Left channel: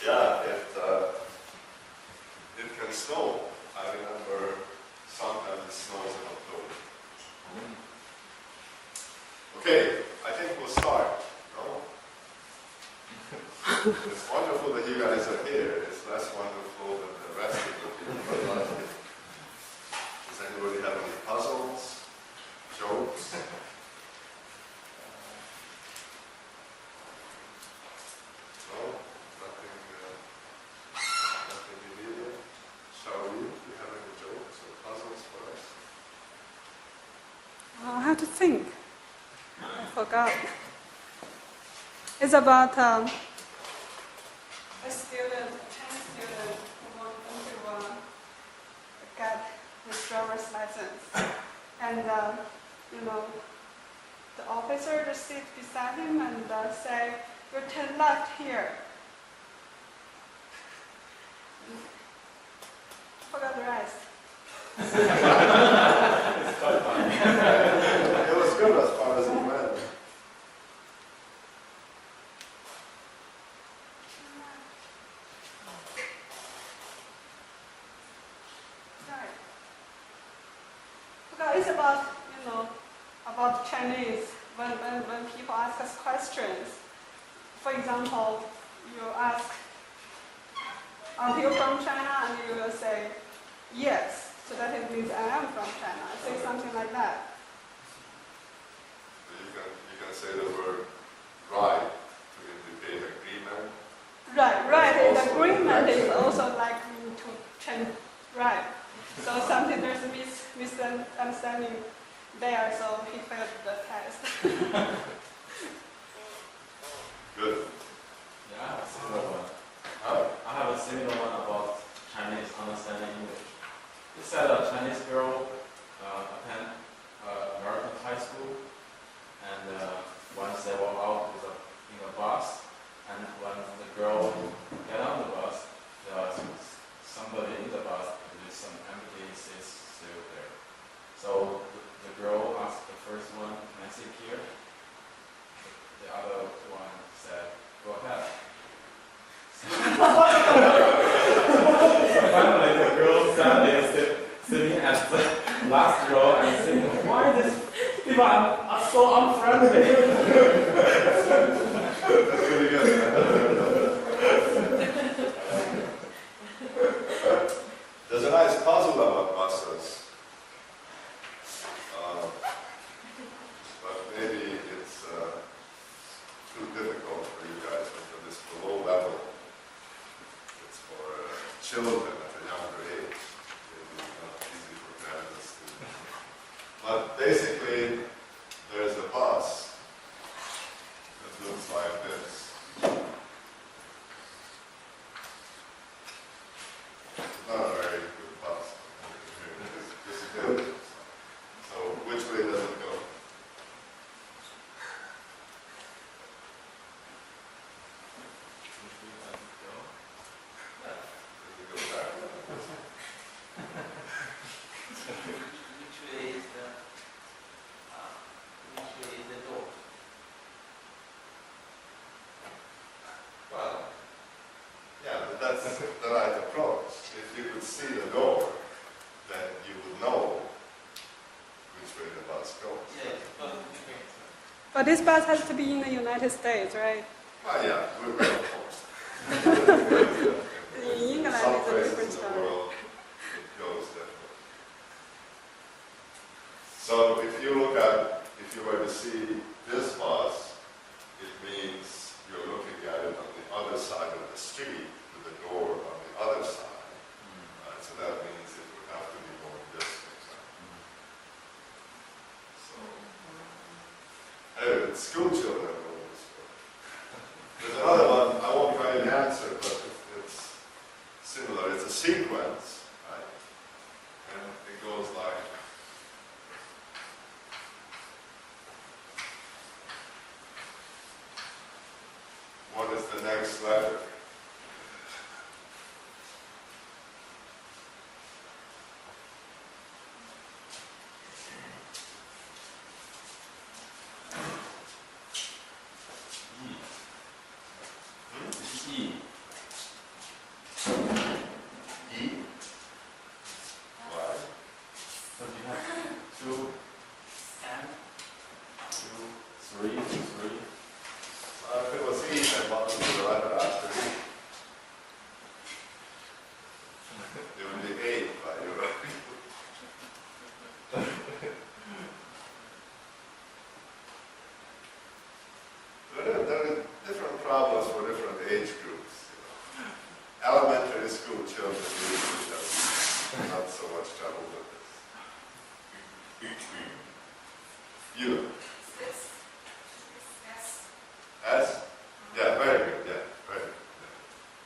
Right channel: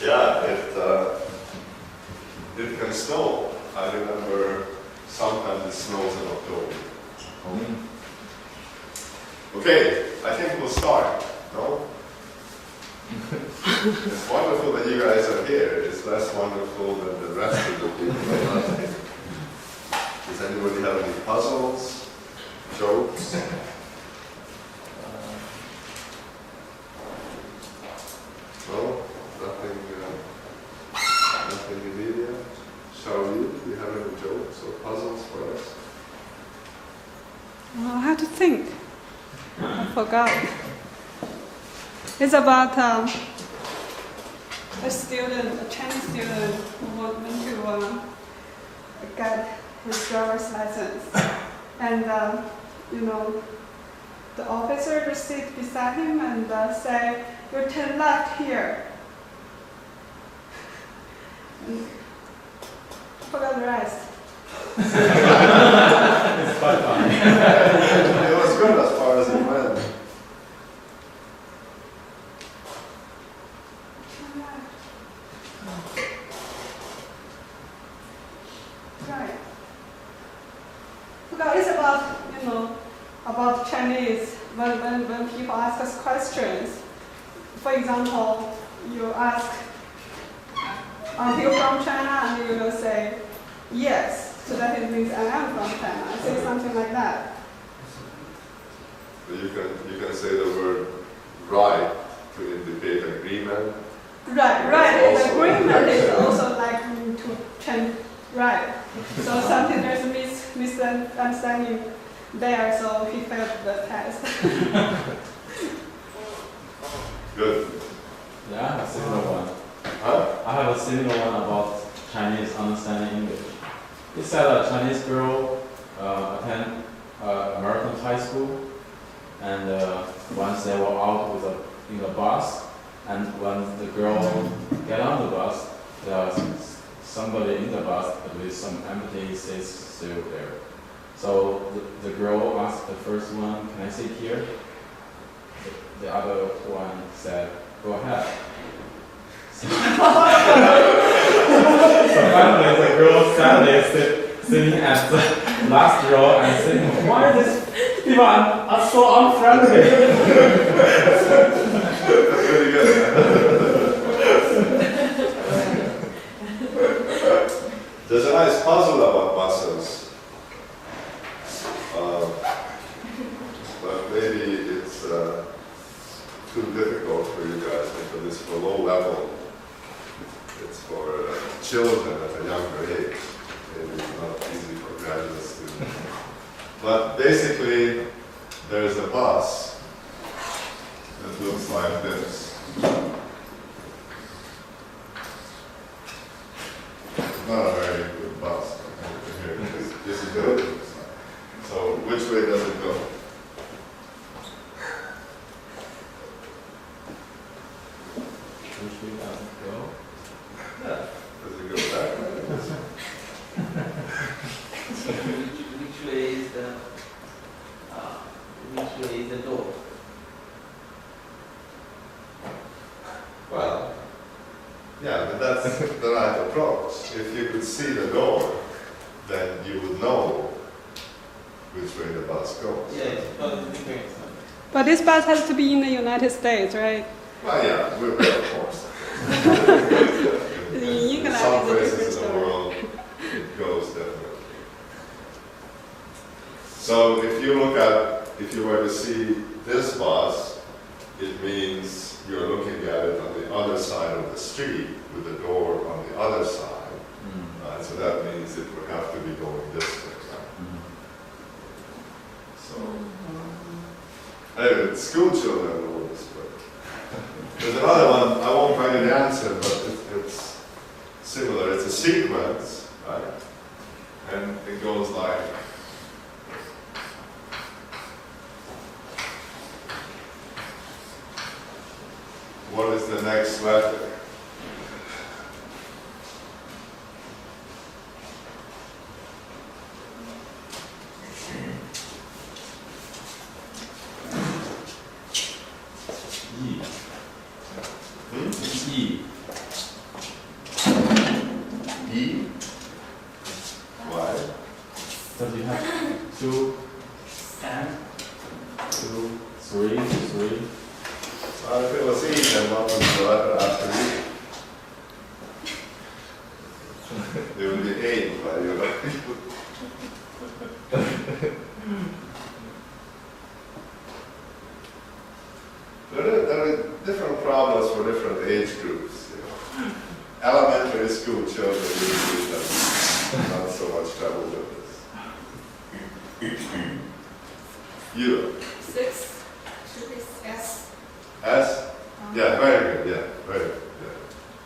Yeah, it can snow. I remember sometimes it snows in October. Okay, I think we'll start. No? It's wonderful that you guys are here. It's less wonderful than the rest of the people that are not here. Does anybody have any puzzles, jokes? No? Nothing immediate? Shall we? Do you have any jokes or puzzles for us? I have to think. I forgot. It's about a student, a Chinese student who wanted to get his driver's license. And, the officer just sits beside him and say, "You turn left here." And I forgot the rest. It's quite fun. It was good as far as it went. Right. Because it's about, about Chinese. When people ask us questions, for example, you ask, "Are you from China?" and you will say, "Yes." So that it means I am from China. I say something like that. So you can say the word right to indicate agreement. Right. And Also agreement is correction. also like to change right. So something there's a misunderstanding there, so he failed the test. Good. Yeah, I have a similar one. Huh? I have a similar one about Chinese understanding English. It said a Chinese girl attend American high school, and once they were out in a bus, and when the girl get on the bus, there's somebody in the bus, at least some empty seats still there. So the girl asked the first one, "Can I sit here?" The other one said, "Go ahead." So finally the girl sadly sitting at the last row and saying, "Why these people are so unfriendly?" That's really good. There's a nice puzzle about buses. But maybe it's too difficult for you guys because it's for low level. It's for children at a younger age. Maybe it's not easy for graduate students. But basically, there's a bus that looks like this. Not a very good bus. Here, this is good. So, which way does it go? Which way does it go? Yeah. Does it go back? Which way is the door? Well, yeah, but that's the right approach. If you could see the door, then you would know which way the bus goes. Yes, but different. But this bus has to be in the United States, right? Well, yeah, we're of course. In some places in the world, it goes definitely. So if you were to see this bus, it means you're looking at it on the other side of the street with the door on the other side. So that means it would have to be going this way. So, anyway, school children know this, but there's another one. I won't write an answer, but it's similar. It's a sequence, right? And it goes like. What is the next letter? E. then what would be the letter after E? It would be 8, but you know. There are different problems for different age groups. You know. Elementary school children usually have not so much trouble with this. You? 6 should be S. S? Yeah, very good, yeah, very good. Yeah.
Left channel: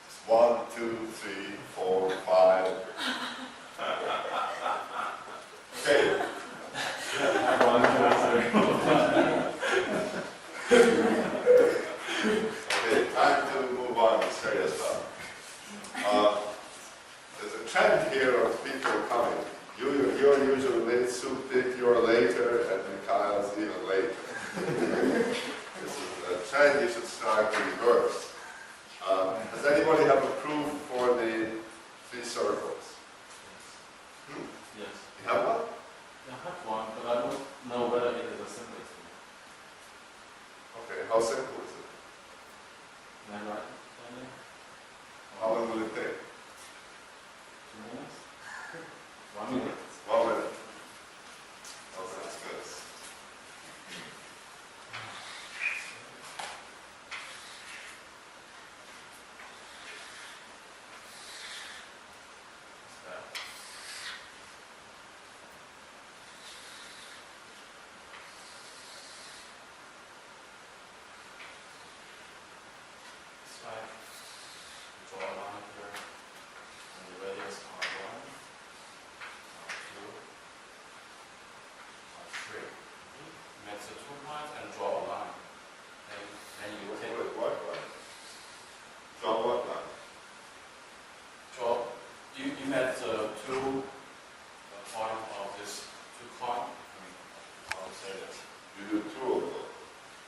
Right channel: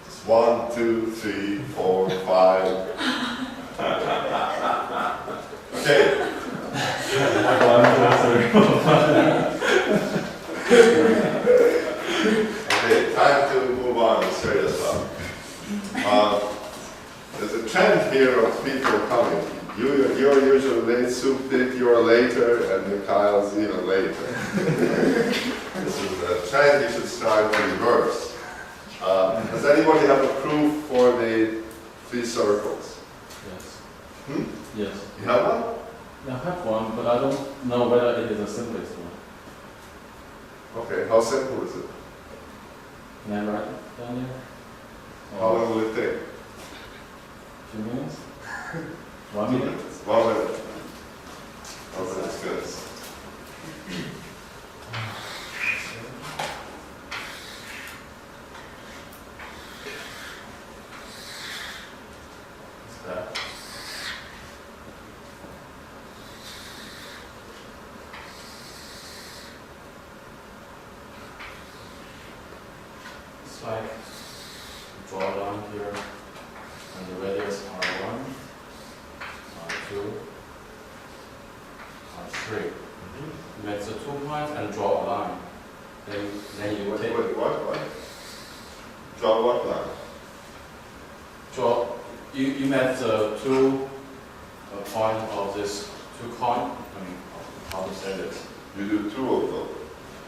Just 1, 2, 3, 4, 5. Okay. Okay, time to move on to serious stuff. There's a trend here of people coming. You're usually late, Supit, you're later, and Mikhail's even later. This is a trend you should start to reverse. Does anybody have a proof for the 3 circles? Yes. Hmm? Yes. You have one? Yeah, I have one, but I don't know whether it is the simplest one. Okay, how simple is it? Can I write it down there? How long will it take? 2 minutes? 1 minute? 1 minute. 1 minute's good. It's back. It's like draw a line here, and the radius R1, R2, R3. You make the 2 points and draw a line. Then you Wait, take what? Draw what line? draw. You met the 2 point of this 2 coin. I mean, how to say this? You do 2 of them.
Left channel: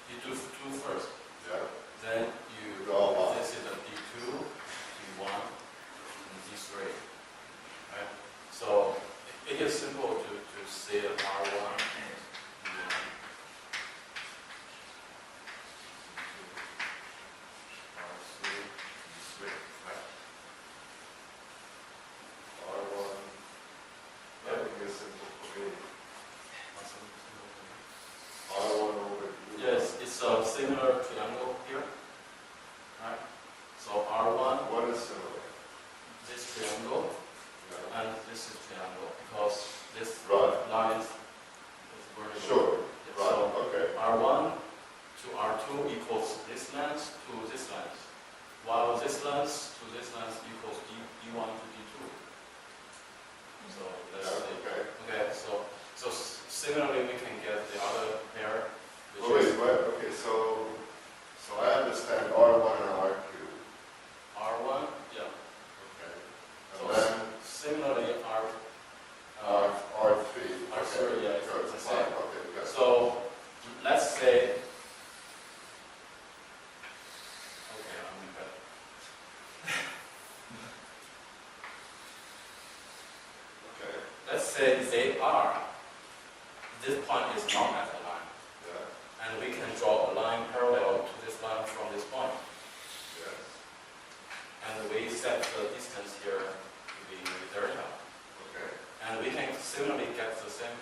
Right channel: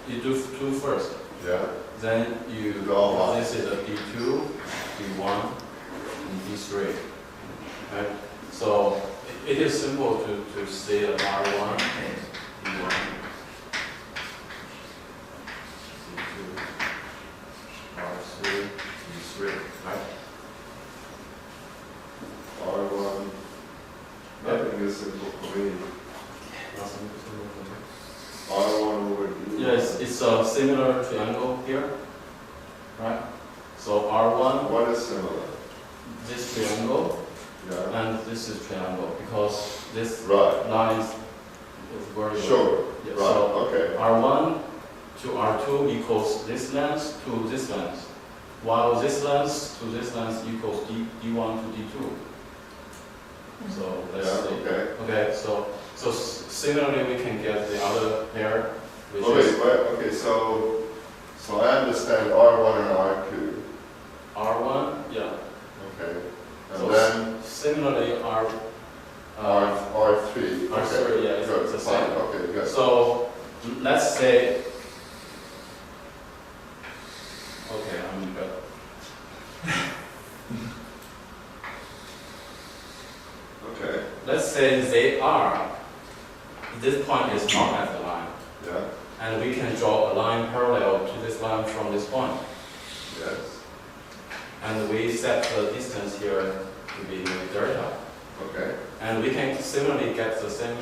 You do 2 first. Yeah? Then you Draw a line. this is a D2, D1, and D3. Right? So it is simple to say an R1, D1, D2, R3, D3. Right? R1. Nothing is simple for me. Nothing simple for me. R1 over D1. Yes, it's a similar triangle here, right? So R1, What is similar? this triangle, Yeah. and this is triangle, because this Right. line is very Sure. Yeah, Right. so Okay. R1 to R2 equals this length to this length, while this length to this length equals D1 to D2. So let's Yeah. see. Okay. Okay, so similarly we can get the other pair, which Oh, is wait. Okay. So I understand R1 and R2. R1, yeah. Okay. And So then similarly R3. R3. R3, yeah, it's Good. the Fine. same. Okay. Good. So let's say, okay, I'm good. Okay. Let's say they are, this point is not at the line, Yeah. and we can draw a line parallel to this line from this point. Yes. And we set the distance here to be delta. Okay. And we can similarly get the same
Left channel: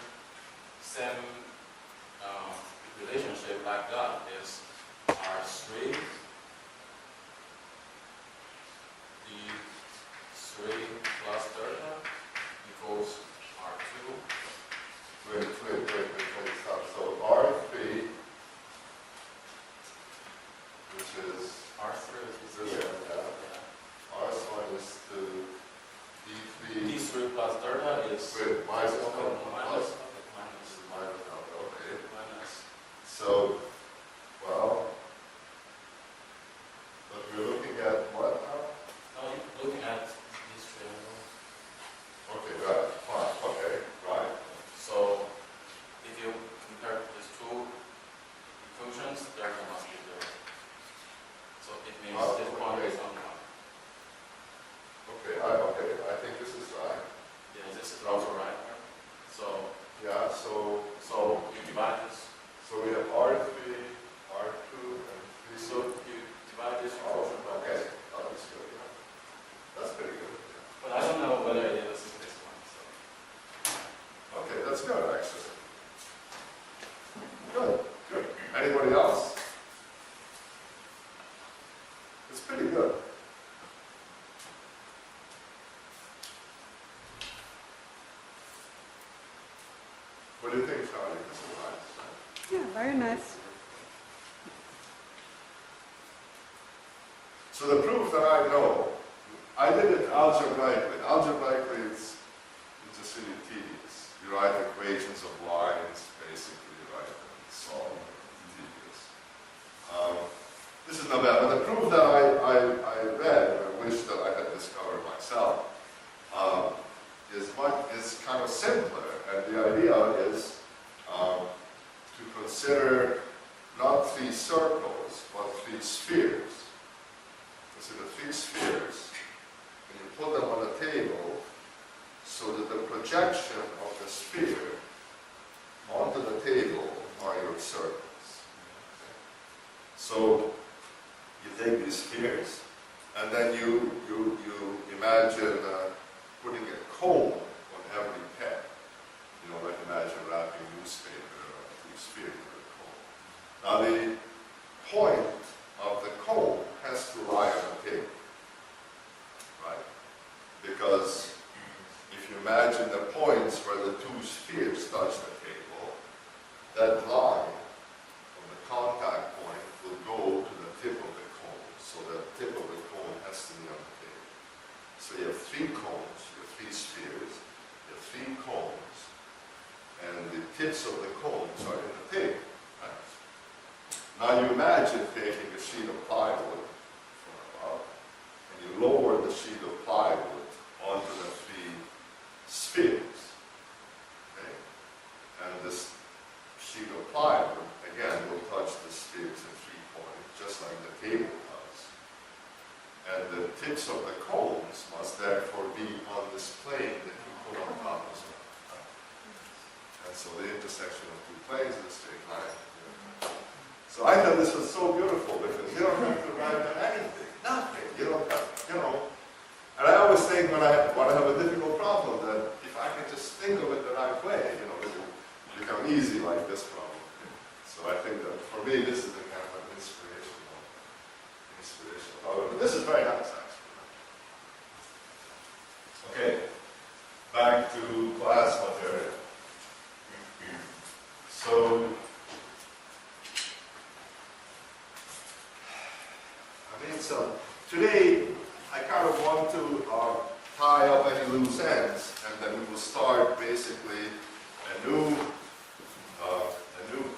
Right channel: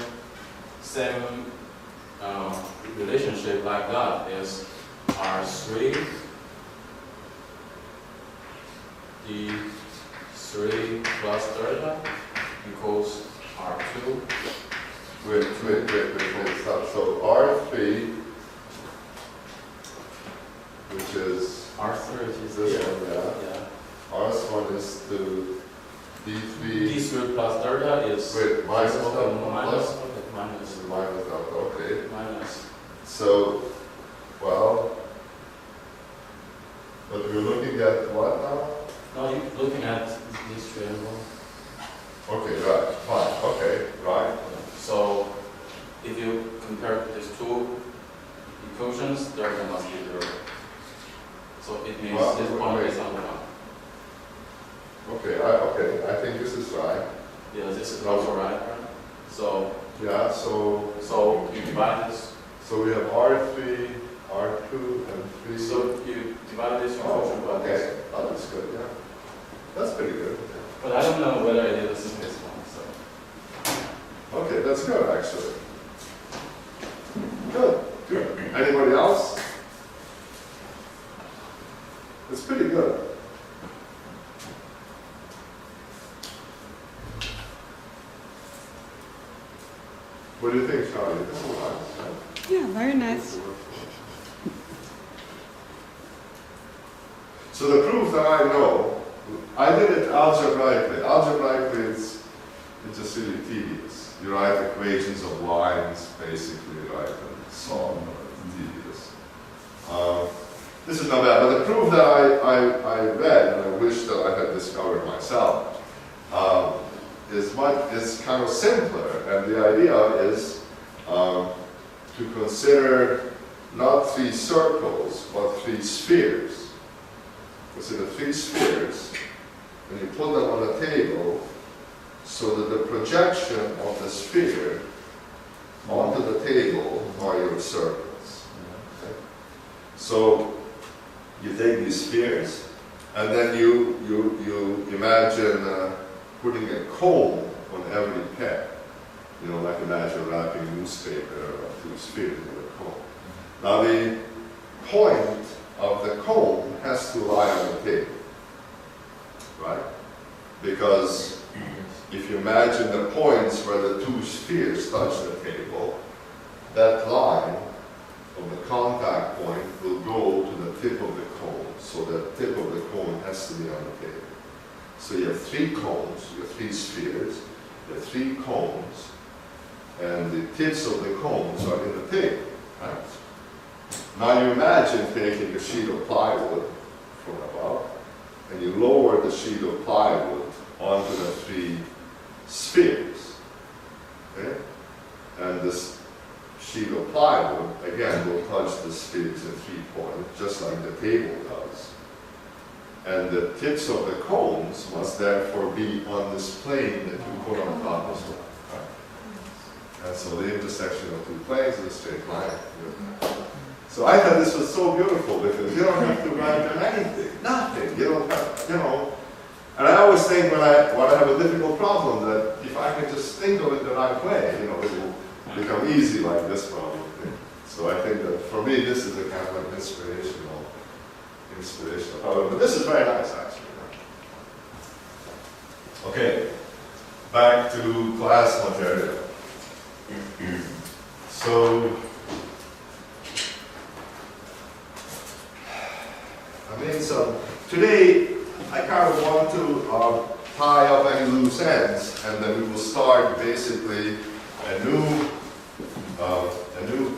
relationship like that is R3, D3 plus delta equals R2. Wait. Stop. So R3, which is R3 is this here. one, yeah. Yeah. R1 is to D3. D3 plus delta is Wait, minus okay, delta, minus, plus? okay, minus, This is minus delta. Okay. minus. So, well, but we're looking at what now? Now you're looking at this triangle. Okay, right, fine, okay, right. So if you compare these 2 equations, delta must be 0. So it means Well, this point wait. is on the 1. Okay, I think this is right. Yeah, this is also right. So Yeah, so you divide this. we have R3, R2, and 3. So you divide this structure, but Okay, that was good, yeah. That's pretty good. but I don't know whether it is the simplest one. So Okay, that's good, actually. Good, good. Anybody else? It's pretty good. What do you think, Charlie? This is nice, right? Yeah, very nice. So the proof that I know, I did it algebraically. Algebraically, it's just really tedious. You write equations of lines, basically, right, and solve. It's tedious. This is not bad, but the proof that I read, and I wish that I had discovered myself, is kind of simpler. And the idea is to consider not 3 circles, but 3 spheres. Consider 3 spheres, and you put them on a table so that the projection of the sphere onto the table are your circles. Okay? So you take these spheres, and then you imagine putting a cone on every peg. You know, like imagine wrapping newspaper around 2 spheres with a cone. Now the point of the cone has to lie on the table, right? Because if you imagine the points where the 2 spheres touch the table, that line of the contact point will go to the tip of the cone. So the tip of the cone has to be on the table. So you have 3 cones, you have 3 spheres, you have 3 cones, and the tips of the cones are in the table, right? Now you imagine taking a sheet of plywood from above, and you lower the sheet of plywood onto the 3 spheres, okay? And this sheet of plywood, again, will touch the spheres in 3 points, just like the table does. And the tips of the cones must therefore be on this plane that you put on top as well, right? And so the intersection of 2 planes is a straight line. So I thought this was so beautiful because you don't have to write on anything, nothing. You don't have, you know. And I always think when I have a difficult problem that if I can just think of it the right way, you know, it will become easy like this problem. So I think that for me this is a kind of an inspirational problem. But this is very nice actually. Okay, back to class material. So today I kind of want to tie up any loose ends, and then we will start basically a new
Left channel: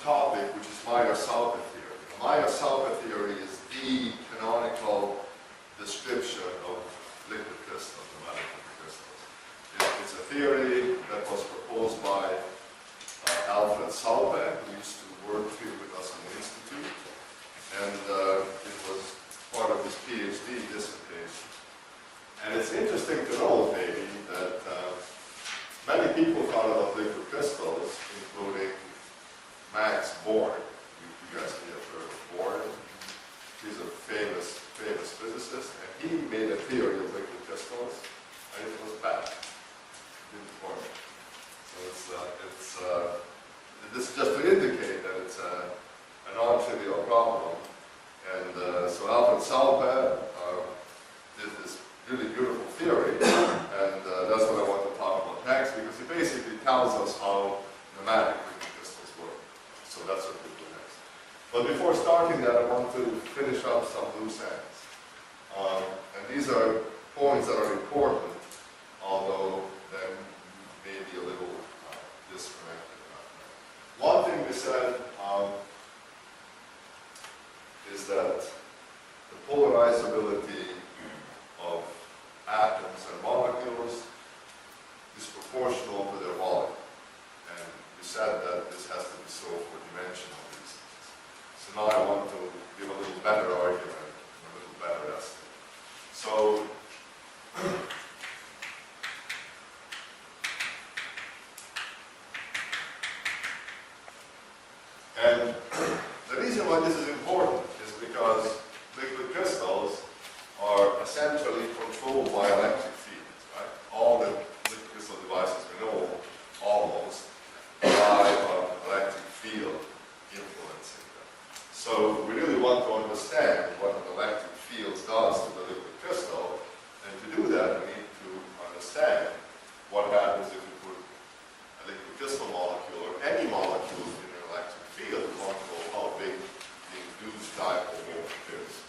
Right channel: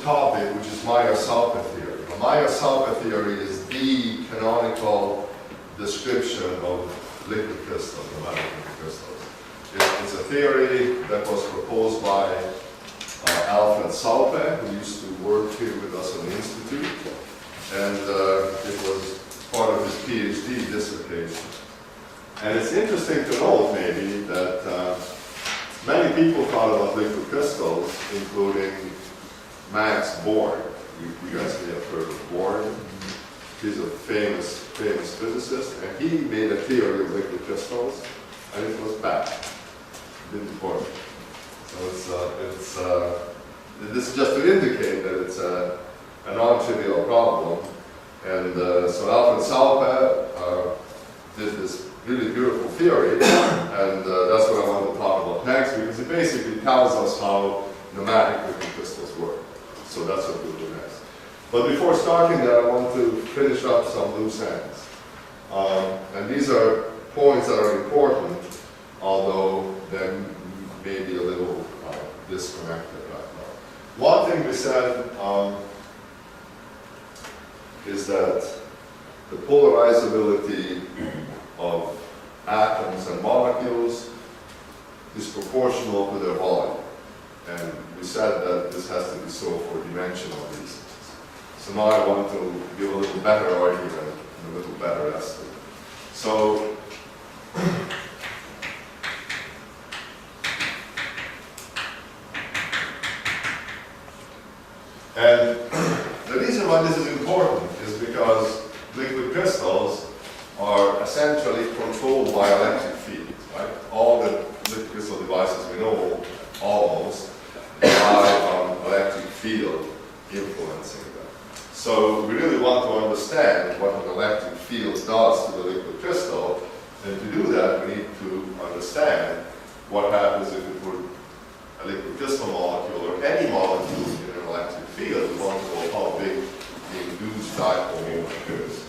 topic, which is Meyer-Salpe theory. Now, Meyer-Salpe theory is the canonical description of liquid crystals, pneumatic liquid crystals. It's a theory that was proposed by Alfred Salpe, who used to work here with us in the Institute, and it was part of his PhD dissertation. And it's interesting to note, maybe, that many people thought about liquid crystals, including Max Born. You guys may have heard of Born. He's a famous physicist, and he made a theory of liquid crystals, and it was bad. It didn't work. So this is just to indicate that it's a non-trivial problem. And so Alfred Salpe did this really beautiful theory, and that's what I want to talk about next, because it basically tells us how pneumatic liquid crystals work. So that's what we'll do next. But before starting that, I want to finish up some loose ends. And these are points that are important, although they may be a little disconnected right now. One thing we said is that the polarizability of atoms and molecules is proportional to their volume. And we said that this has to be so for dimensional reasons. So now I want to give a little better argument and a little better estimate. So, and the reason why this is important is because liquid crystals basically controlled by electric fields, right? All the liquid crystal devices we know, almost, rely on electric field influencing them. So we really want to understand what an electric field does to the liquid crystal, and to do that we need to understand what happens if we put a liquid crystal molecule or any molecule in an electric field. We want to know how big the induced dipole moment is.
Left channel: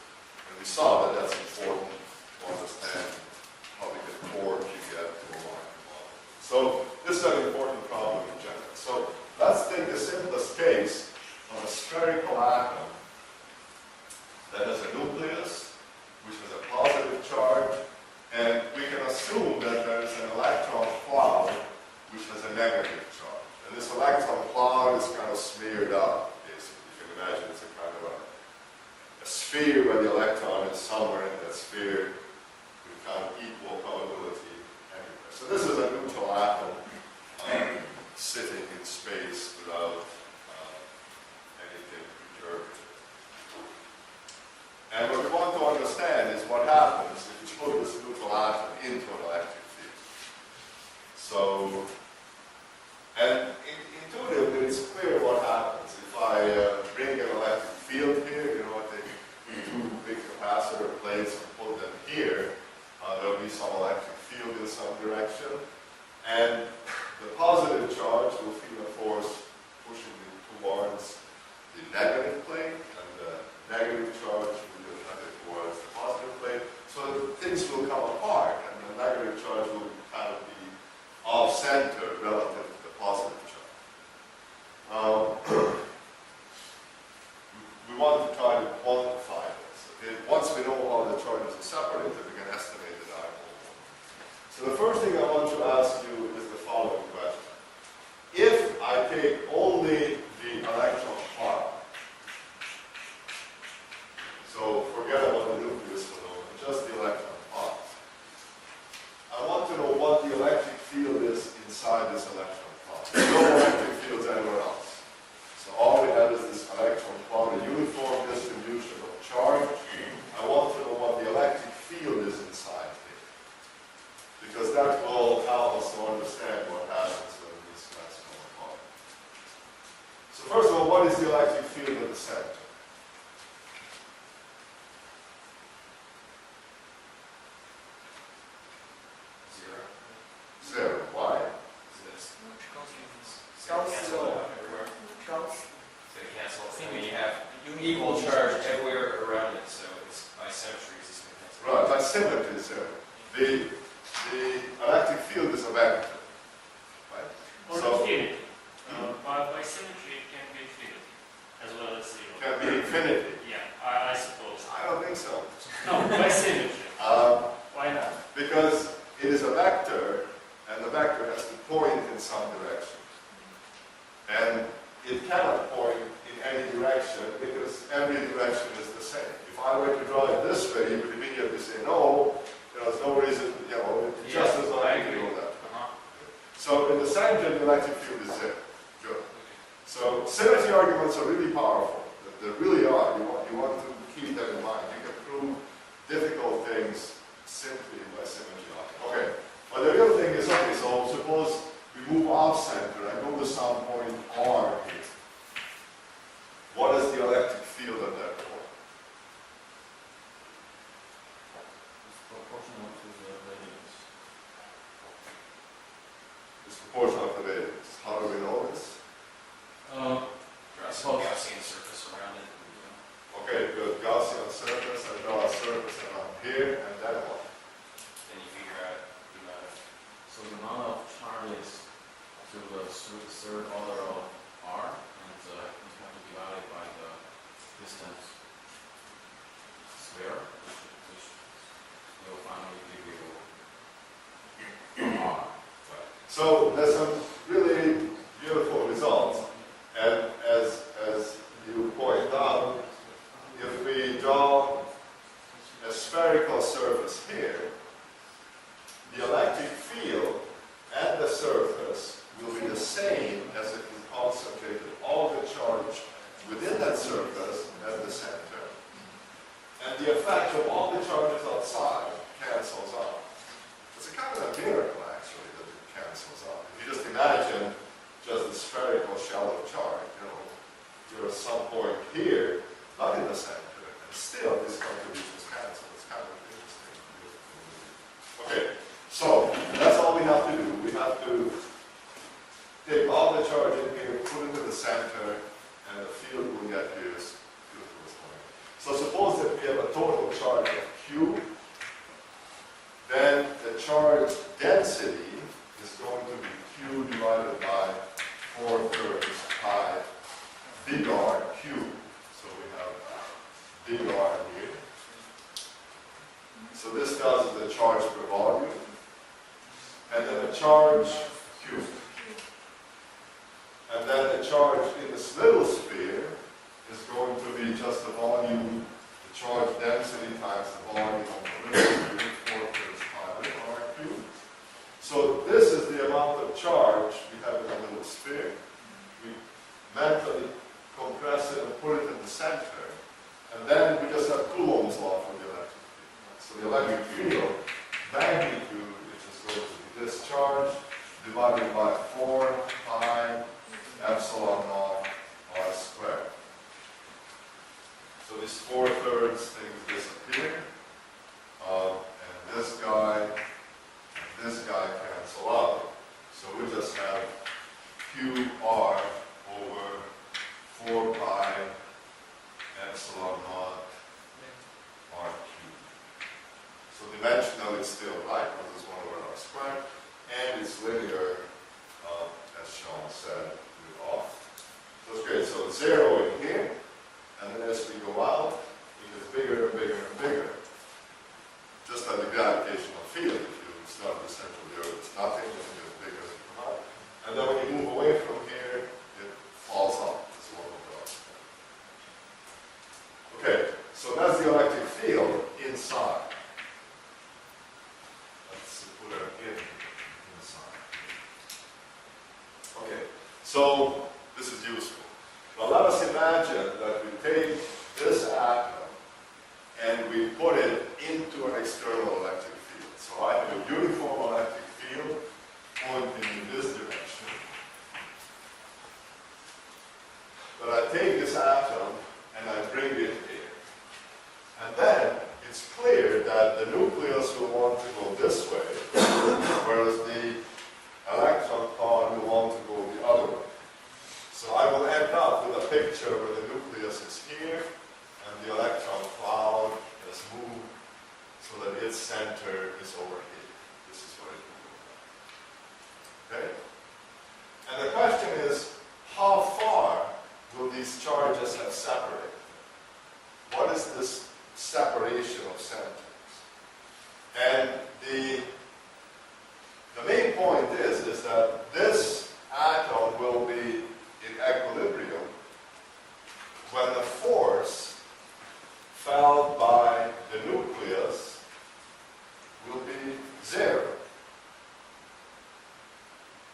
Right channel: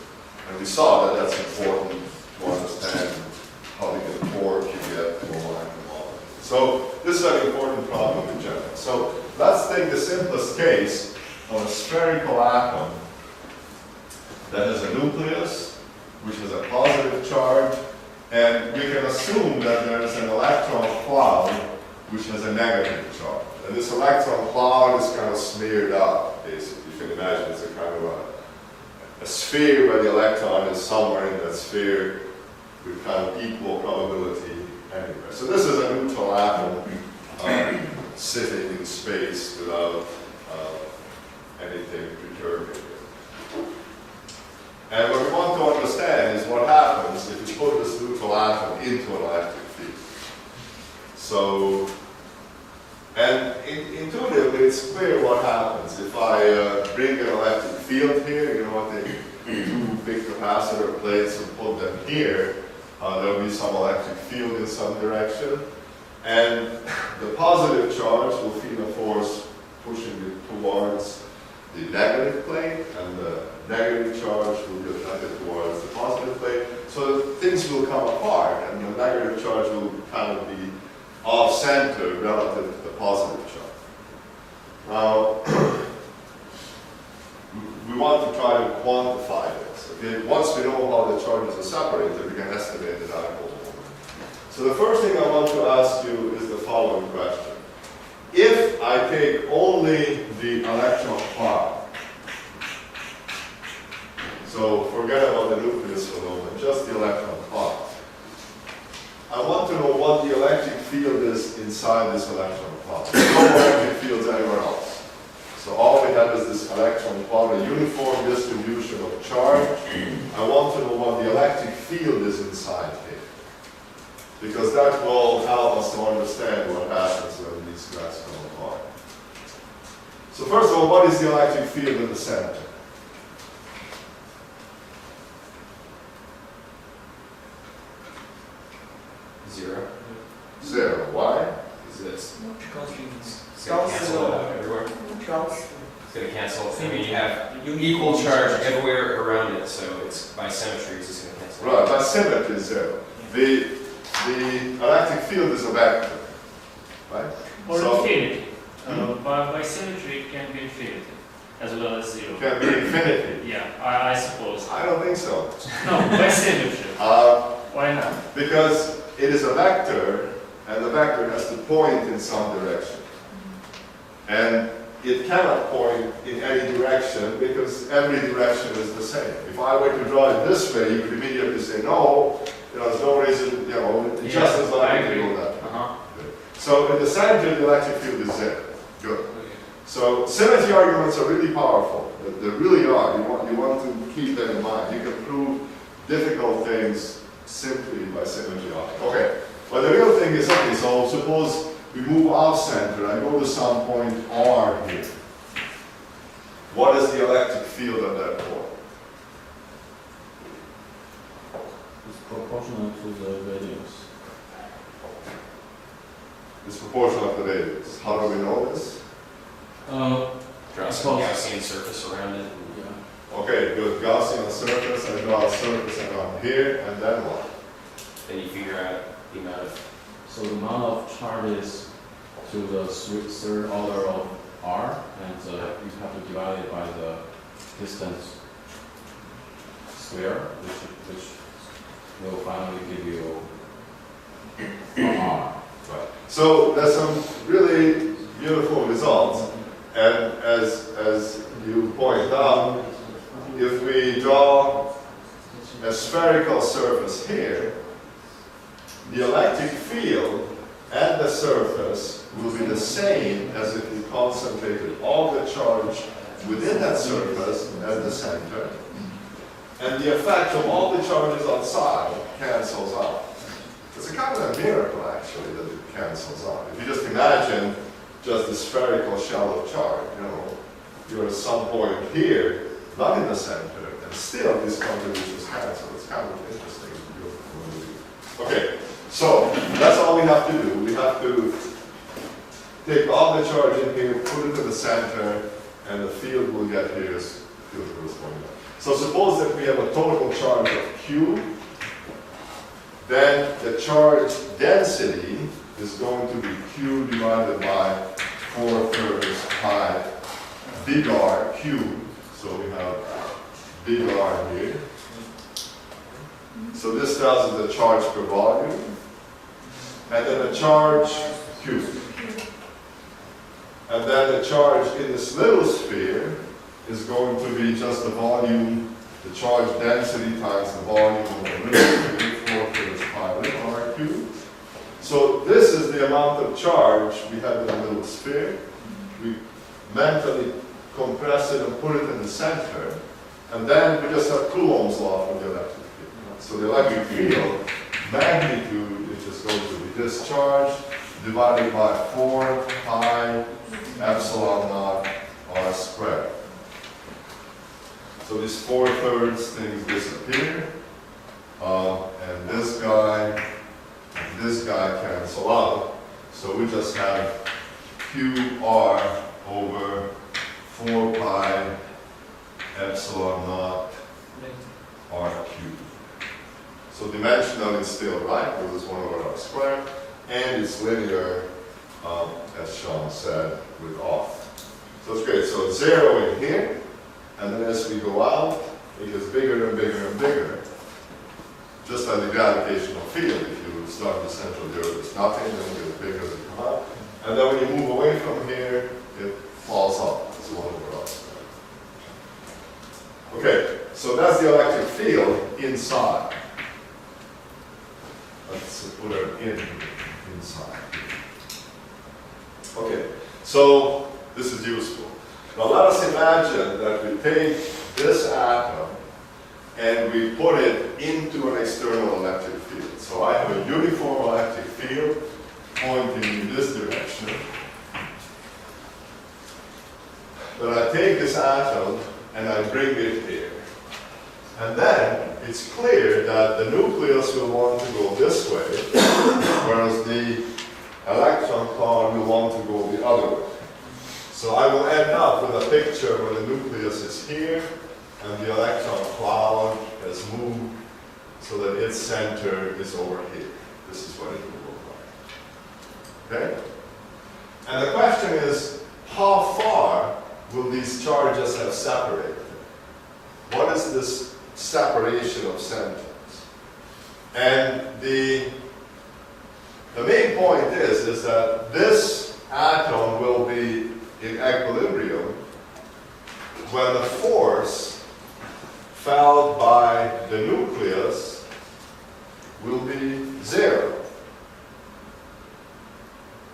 And we saw that that's important to understand how big a torque you get to a molecule. So this is an important problem in general. So let's take the simplest case of a spherical atom that has a nucleus, which has a positive charge, and we can assume that there is an electron cloud which has a negative charge. And this electron cloud is kind of smeared up, basically. You can imagine it's a kind of a sphere where the electron is somewhere in that sphere with kind of equal probability anywhere. So this is a neutral atom sitting in space without anything perturbing it. And what we want to understand is what happens if you put this neutral atom into an electric field. So, and intuitively it's clear what happens. If I bring an electric field here, you know, I take two big capacitor plates and put them here, there will be some electric field in some direction. And the positive charge will feel a force pushing it towards the negative plate, and the negative charge will be attracted towards the positive plate. So things will come apart, and the negative charge will kind of be off-center relative to the positive charge. Now, we want to try to quantify this. Okay? Once we know how the charges are separated, we can estimate the dipole moment. So the first thing I want to ask you is the following question. If I take only the electron cloud, so forget about the nucleus for the moment, just the electron cloud, I want to know what the electric field is inside this electron cloud. There's no electric fields anywhere else. So all we have is this electron cloud, a uniform distribution of charge. I want to know what the electric field is inside here, because that will help us to understand what happens when these guys come apart. So first of all, what is the electric field in the center? Zero. Zero. Why? Exists. Constants. It's going to cancel out everywhere. Gauss. It's going to cancel. I mean, you have equal charge everywhere around it, so it's by symmetry, it's just going to cancel. Right, by symmetry is zero. The electric field is a vector, right? Or So- infinity. By symmetry, it can be infinity as well as zero. Can be infinity. Yeah, I suppose. I don't think so. No, by symmetry. Why not? Because it is a vector, and the vector has to point in some direction. And it cannot point in any direction because every direction is the same. If I were to draw it this way, you would immediately say, no, there's no reason, it's just as I likely to agree. go that way. Uh-huh. So in the center, the electric field is zero. Good. Okay. So symmetry arguments are really powerful. They really are. You want to keep them in mind. You can prove difficult things simply by symmetry arguments. Okay. But the real thing is, okay, so suppose we move off center and go to some point R here. What is the electric field at that point? It's proportional to the radius. It's proportional to the radius. How do we know this? Draw some Gaussian surface around it. Yeah. Okay, good. Gaussian surface, I draw a surface around here, and then what? Then you figure out the amount of. So the amount of charges to the third order of R, and you have to divide it by the distance square, which will finally give you R. Right. So there's some really beautiful results, and as you point out, if we draw a spherical surface here, the electric field at the surface will be the same as if you concentrated all the charge within that surface at the center. and the effect of all the charges outside cancels out. It's a kind of a miracle, actually, that it cancels out. If you just imagine just the spherical shallow charge, you're at some point here, not in the center, and still these contributions cancel. It's kind of interesting. Okay, so that's all we have to do. We have to take all the charge in here, put it in the center, and the field we'll get here is field corresponding. So suppose that we have a total charge of Q, then the charge density is going to be Q divided by 4/3 pi big R cubed. So we have big R here. So this tells us the charge per volume, and then the charge Q. And then the charge in this little sphere is going to be just the volume, the charge density times the volume of the little sphere, 4/3 pi little R cubed. So this is the amount of charge we have in a little sphere. We mentally compress it and put it in the center, and then we just have Coulomb's law for the electric field. So the electric field magnitude is just going to be this charge divided by 4 pi epsilon naught R squared. So these 4/3 things disappear, and this guy and this guy cancel out. So we just have QR over 4 pi epsilon naught R cubed. So dimensional is still right, because it's 1 over R squared, and it's linear, as Sean said, with R. So it's great. So it's 0 in here, and then as we go out, it gets bigger and bigger and bigger. Just like the gravitational field, if you start in the center of the Earth, it's nothing, then it gets bigger as you come out. And then when you move away from here, it falls off. It's 1 over R squared. Okay, so that's the electric field inside. Let's put it inside. Okay, so this is useful. Now let us imagine that we take this atom and we put it into an external electric field. So I have a uniform electric field pointing in this direction. But I take this atom and I bring it here. And then it's clear that the nucleus will want to go this way, whereas the electron cloud will want to go the other way. So I will end up with a picture where the nucleus is here and the electron cloud has moved so that its center is over here. This is what it will look like. Okay? And the question is, how far will these charges have separated? What is this separation of centers? And the main point is that this atom will be in equilibrium when the force felt by the nucleus will be 0.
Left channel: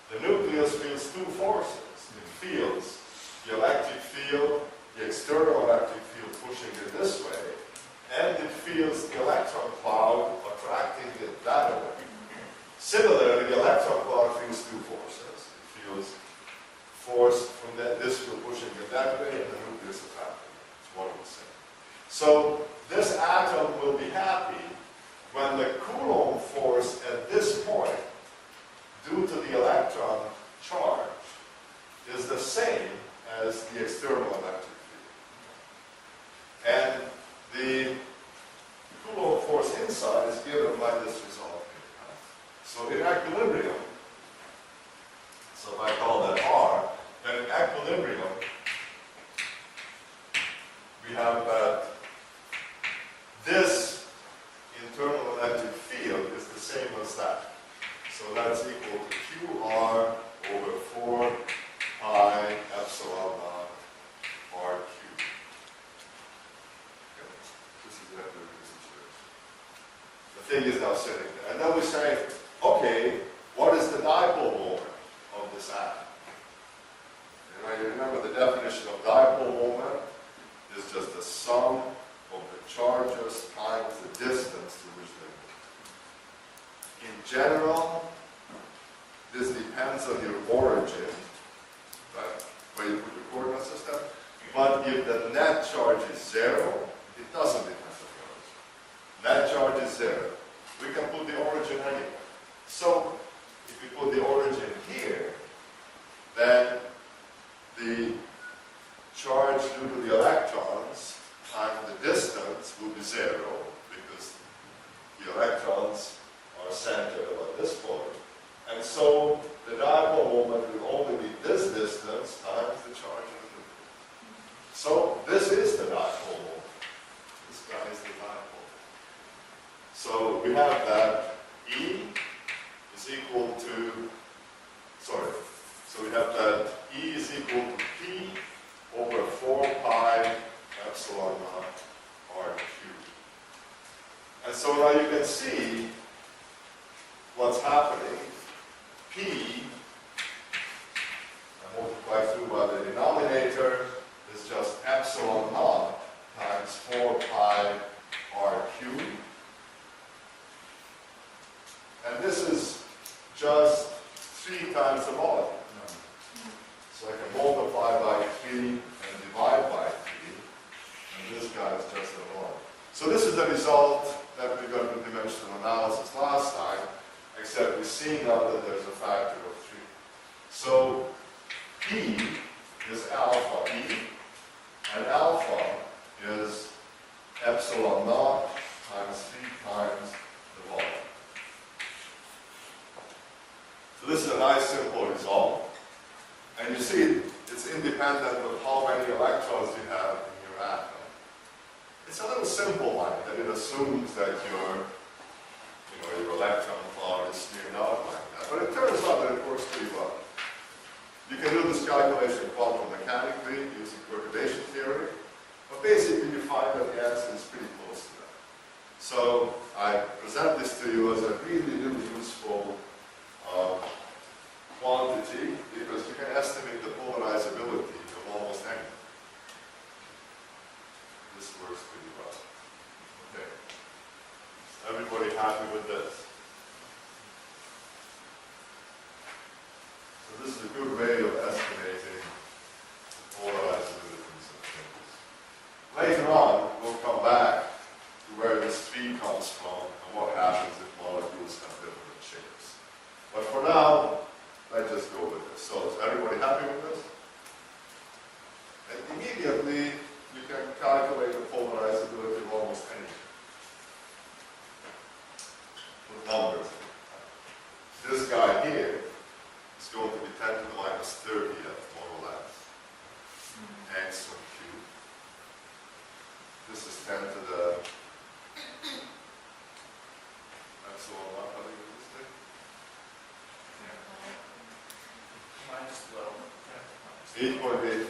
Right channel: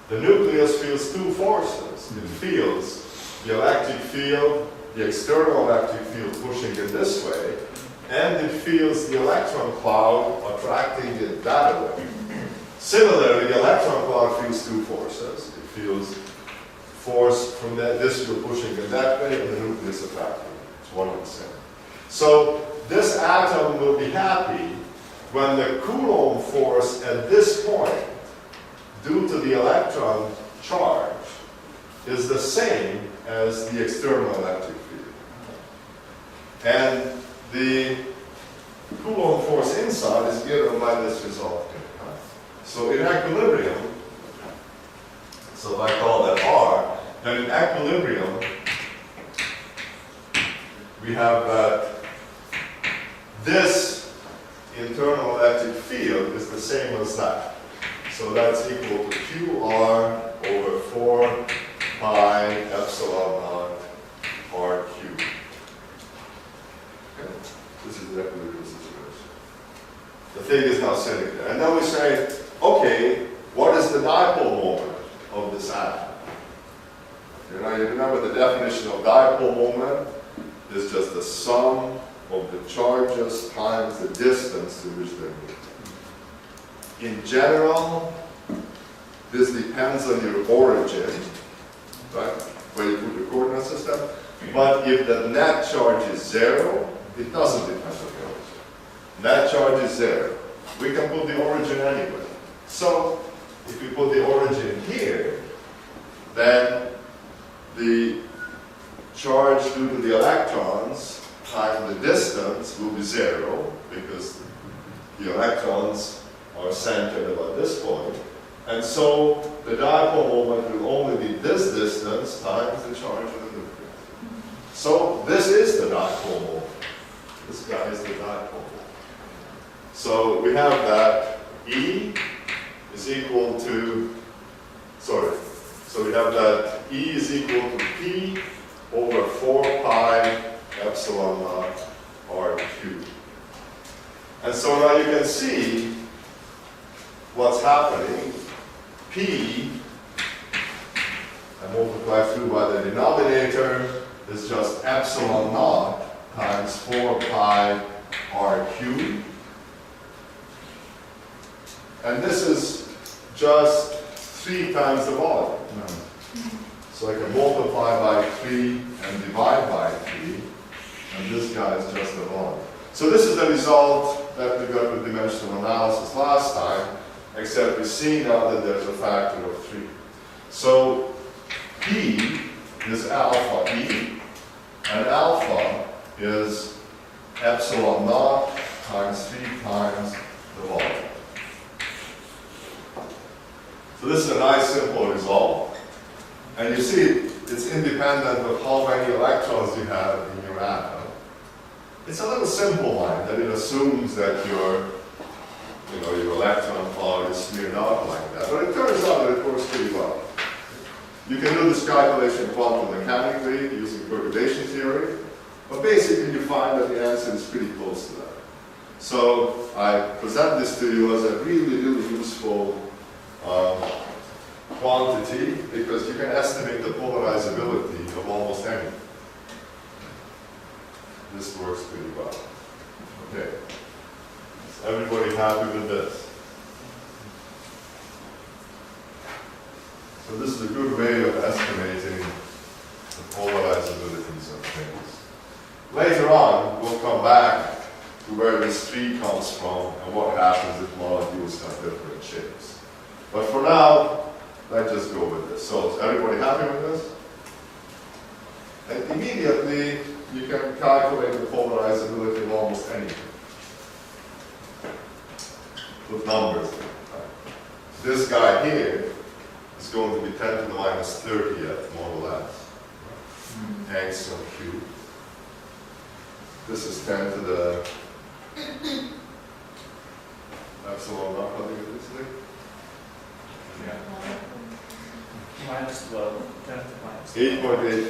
The nucleus feels two forces. It feels the electric field, the external electric field pushing it this way, and it feels the electron cloud attracting it that way. Similarly, the electron cloud feels two forces. It feels force from this field pushing it that way, and the nucleus attracting it. It's one and the same. So this atom will be happy when the Coulomb force at this point, due to the electron charge, is the same as the external electric field. And the Coulomb force inside is given by this result here. So in equilibrium, so if I call that R, then in equilibrium, we have that this internal electric field is the same as that. So that's equal to QR over 4 pi epsilon naught R cubed. Okay. This is the equilibrium situation. The thing is now sitting there. And then we say, okay, what is the dipole moment of this atom? You remember the definition of dipole moment is just the sum of the charges times the distance to which they're moving. In general, this depends on your origin, right, where you put your coordinate system. But if the net charge is 0, it doesn't depend on the origin. Net charge is 0. We can put the origin anywhere. So if we put the origin here, then the charge due to the electrons times the distance will be 0, because the electrons are centered about this point. And so the dipole moment will only be this distance times the charge of the nucleus. So this is the dipole moment. This guy is the dipole moment. So we have that E is equal to, so we have that E is equal to P over 4 pi epsilon naught R cubed. And so now you can see what's happening. P, I multiply through by the denominator, is just epsilon naught times 4 pi R cubed. And this is just 3 times the volume. So I can multiply by 3 and divide by 3, and this guy is just the volume. So this is the result that we got with dimensional analysis last time, except we see now that there's a factor of 3. So P is alpha E, and alpha is epsilon naught times 3 times the volume. So this is a nice simple result. And you see it's independent of how many electrons you have in your atom. It's a little simple line that it assumes that your electron cloud is smeared out like that. But it turns out that it works pretty well. You can do this calculation quantum mechanically using perturbation theory, but basically you find that the answer is pretty close to that. So I present this to you as a really, really useful quantity, because you can estimate the polarizability of almost anything. This works pretty well. Okay. Is everybody happy with this? So this is a good way of estimating the polarizabilities of things. Later on, we'll come back to where this tree comes from and what happens if molecules have different shapes. But for now, let's just go with this. So is everybody happy with this? And immediately, you can calculate the polarizability of almost anything with numbers. This guy here is going to be 10 to the minus 30th, more or less, angstrom cubed. This is 10 to the epsilon naught, how do you get this thing? Minus 12, 10 to minus 8.85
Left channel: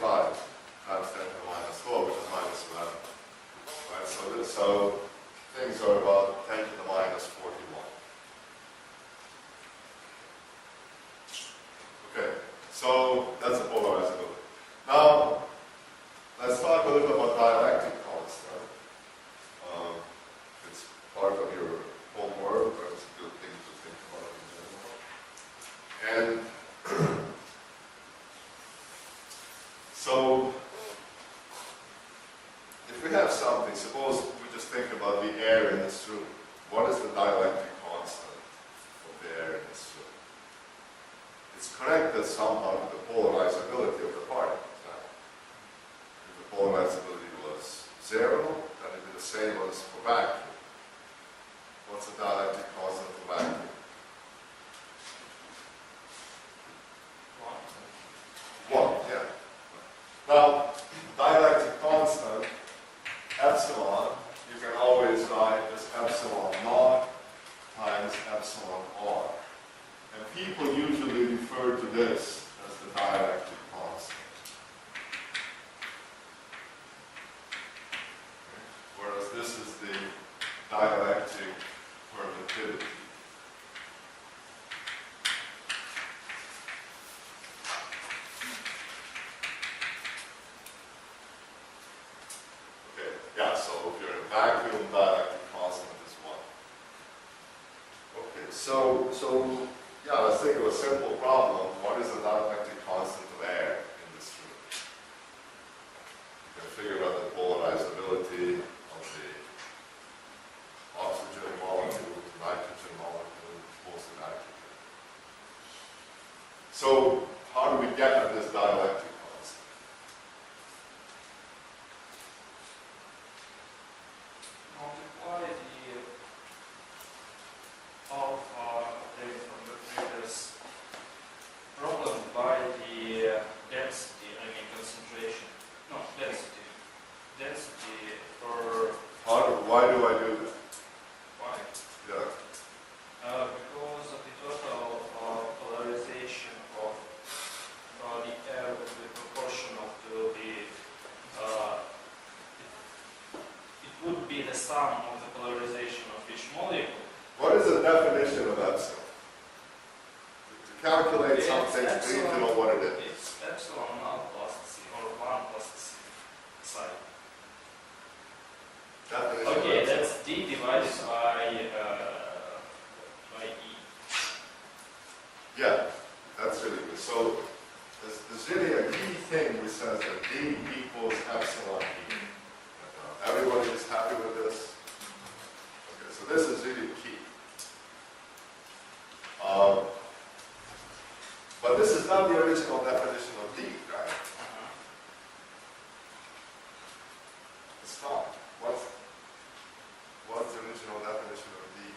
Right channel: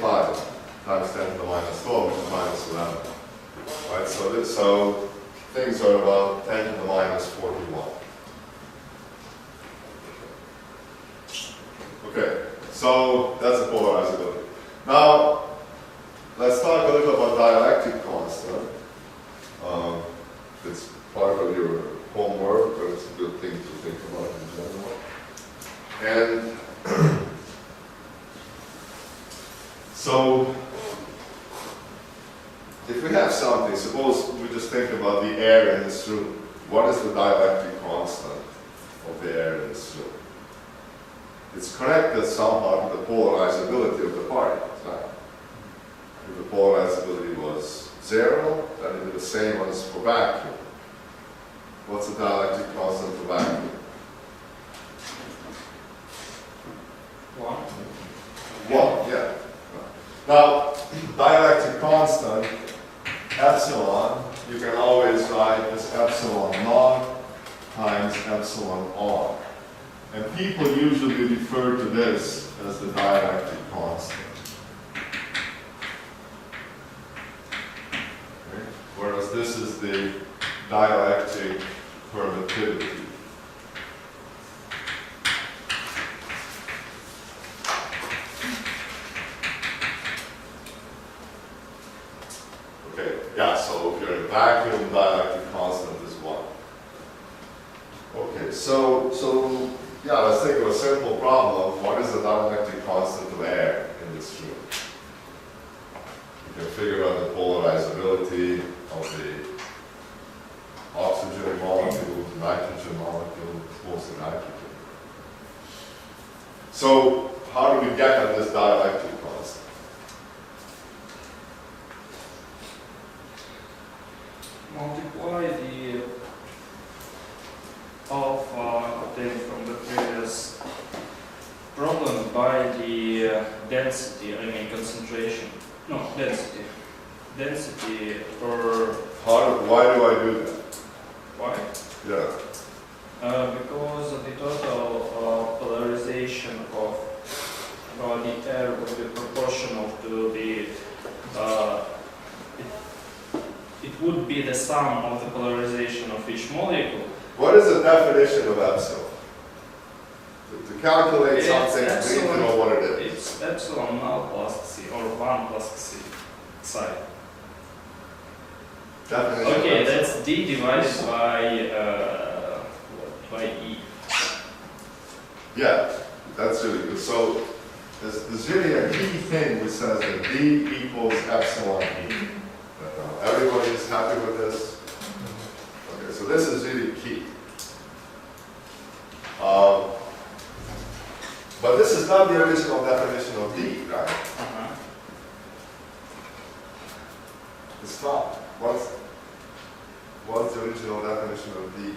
times 10 to the minus 12, which is minus 11. Right, so things are about 10 to the minus 41. Okay, so that's the polarizability. Now, let's talk a little about dielectric constant. It's part of your homework, but it's a good thing to think about in general. And so, if we have something, suppose we just think about the air in this room. What is the dielectric constant of the air in this room? It's connected somehow to the polarizability of the particles, right? If the polarizability was 0, then it would be the same as for vacuum. What's the dielectric constant for vacuum? 1. 1, yeah. Now, dielectric constant, epsilon, you can always write as epsilon naught times epsilon r. And people usually refer to this as the dielectric constant. Okay? Whereas this is the dielectric permittivity. Okay, yeah, so if you're in so yeah, let's think of a simple problem. What is the dielectric constant of air in this room? You can figure out the polarizability of the oxygen molecule to nitrogen molecule, mostly nitrogen. So how do we get at this dielectric constant? Multiply the alpha obtained from the previous problem by the density, I mean concentration. No, density. Density per Why do I do that? y. Yeah. Because the total polarization of the air would be proportional to the it would be the sum of the polarization of each molecule. What is the definition of epsilon? To calculate It's something, we need to epsilon. know what it is. It's epsilon null plus c, or 1 plus c psi. Definition of Okay, epsilon. that's d divided by e. Yeah, that's really good. So there's really a key thing which says that D equals epsilon E. Everybody is happy with this? Okay, so this is really key. But this is not the original definition of D, right? It's not. What's the original definition of D?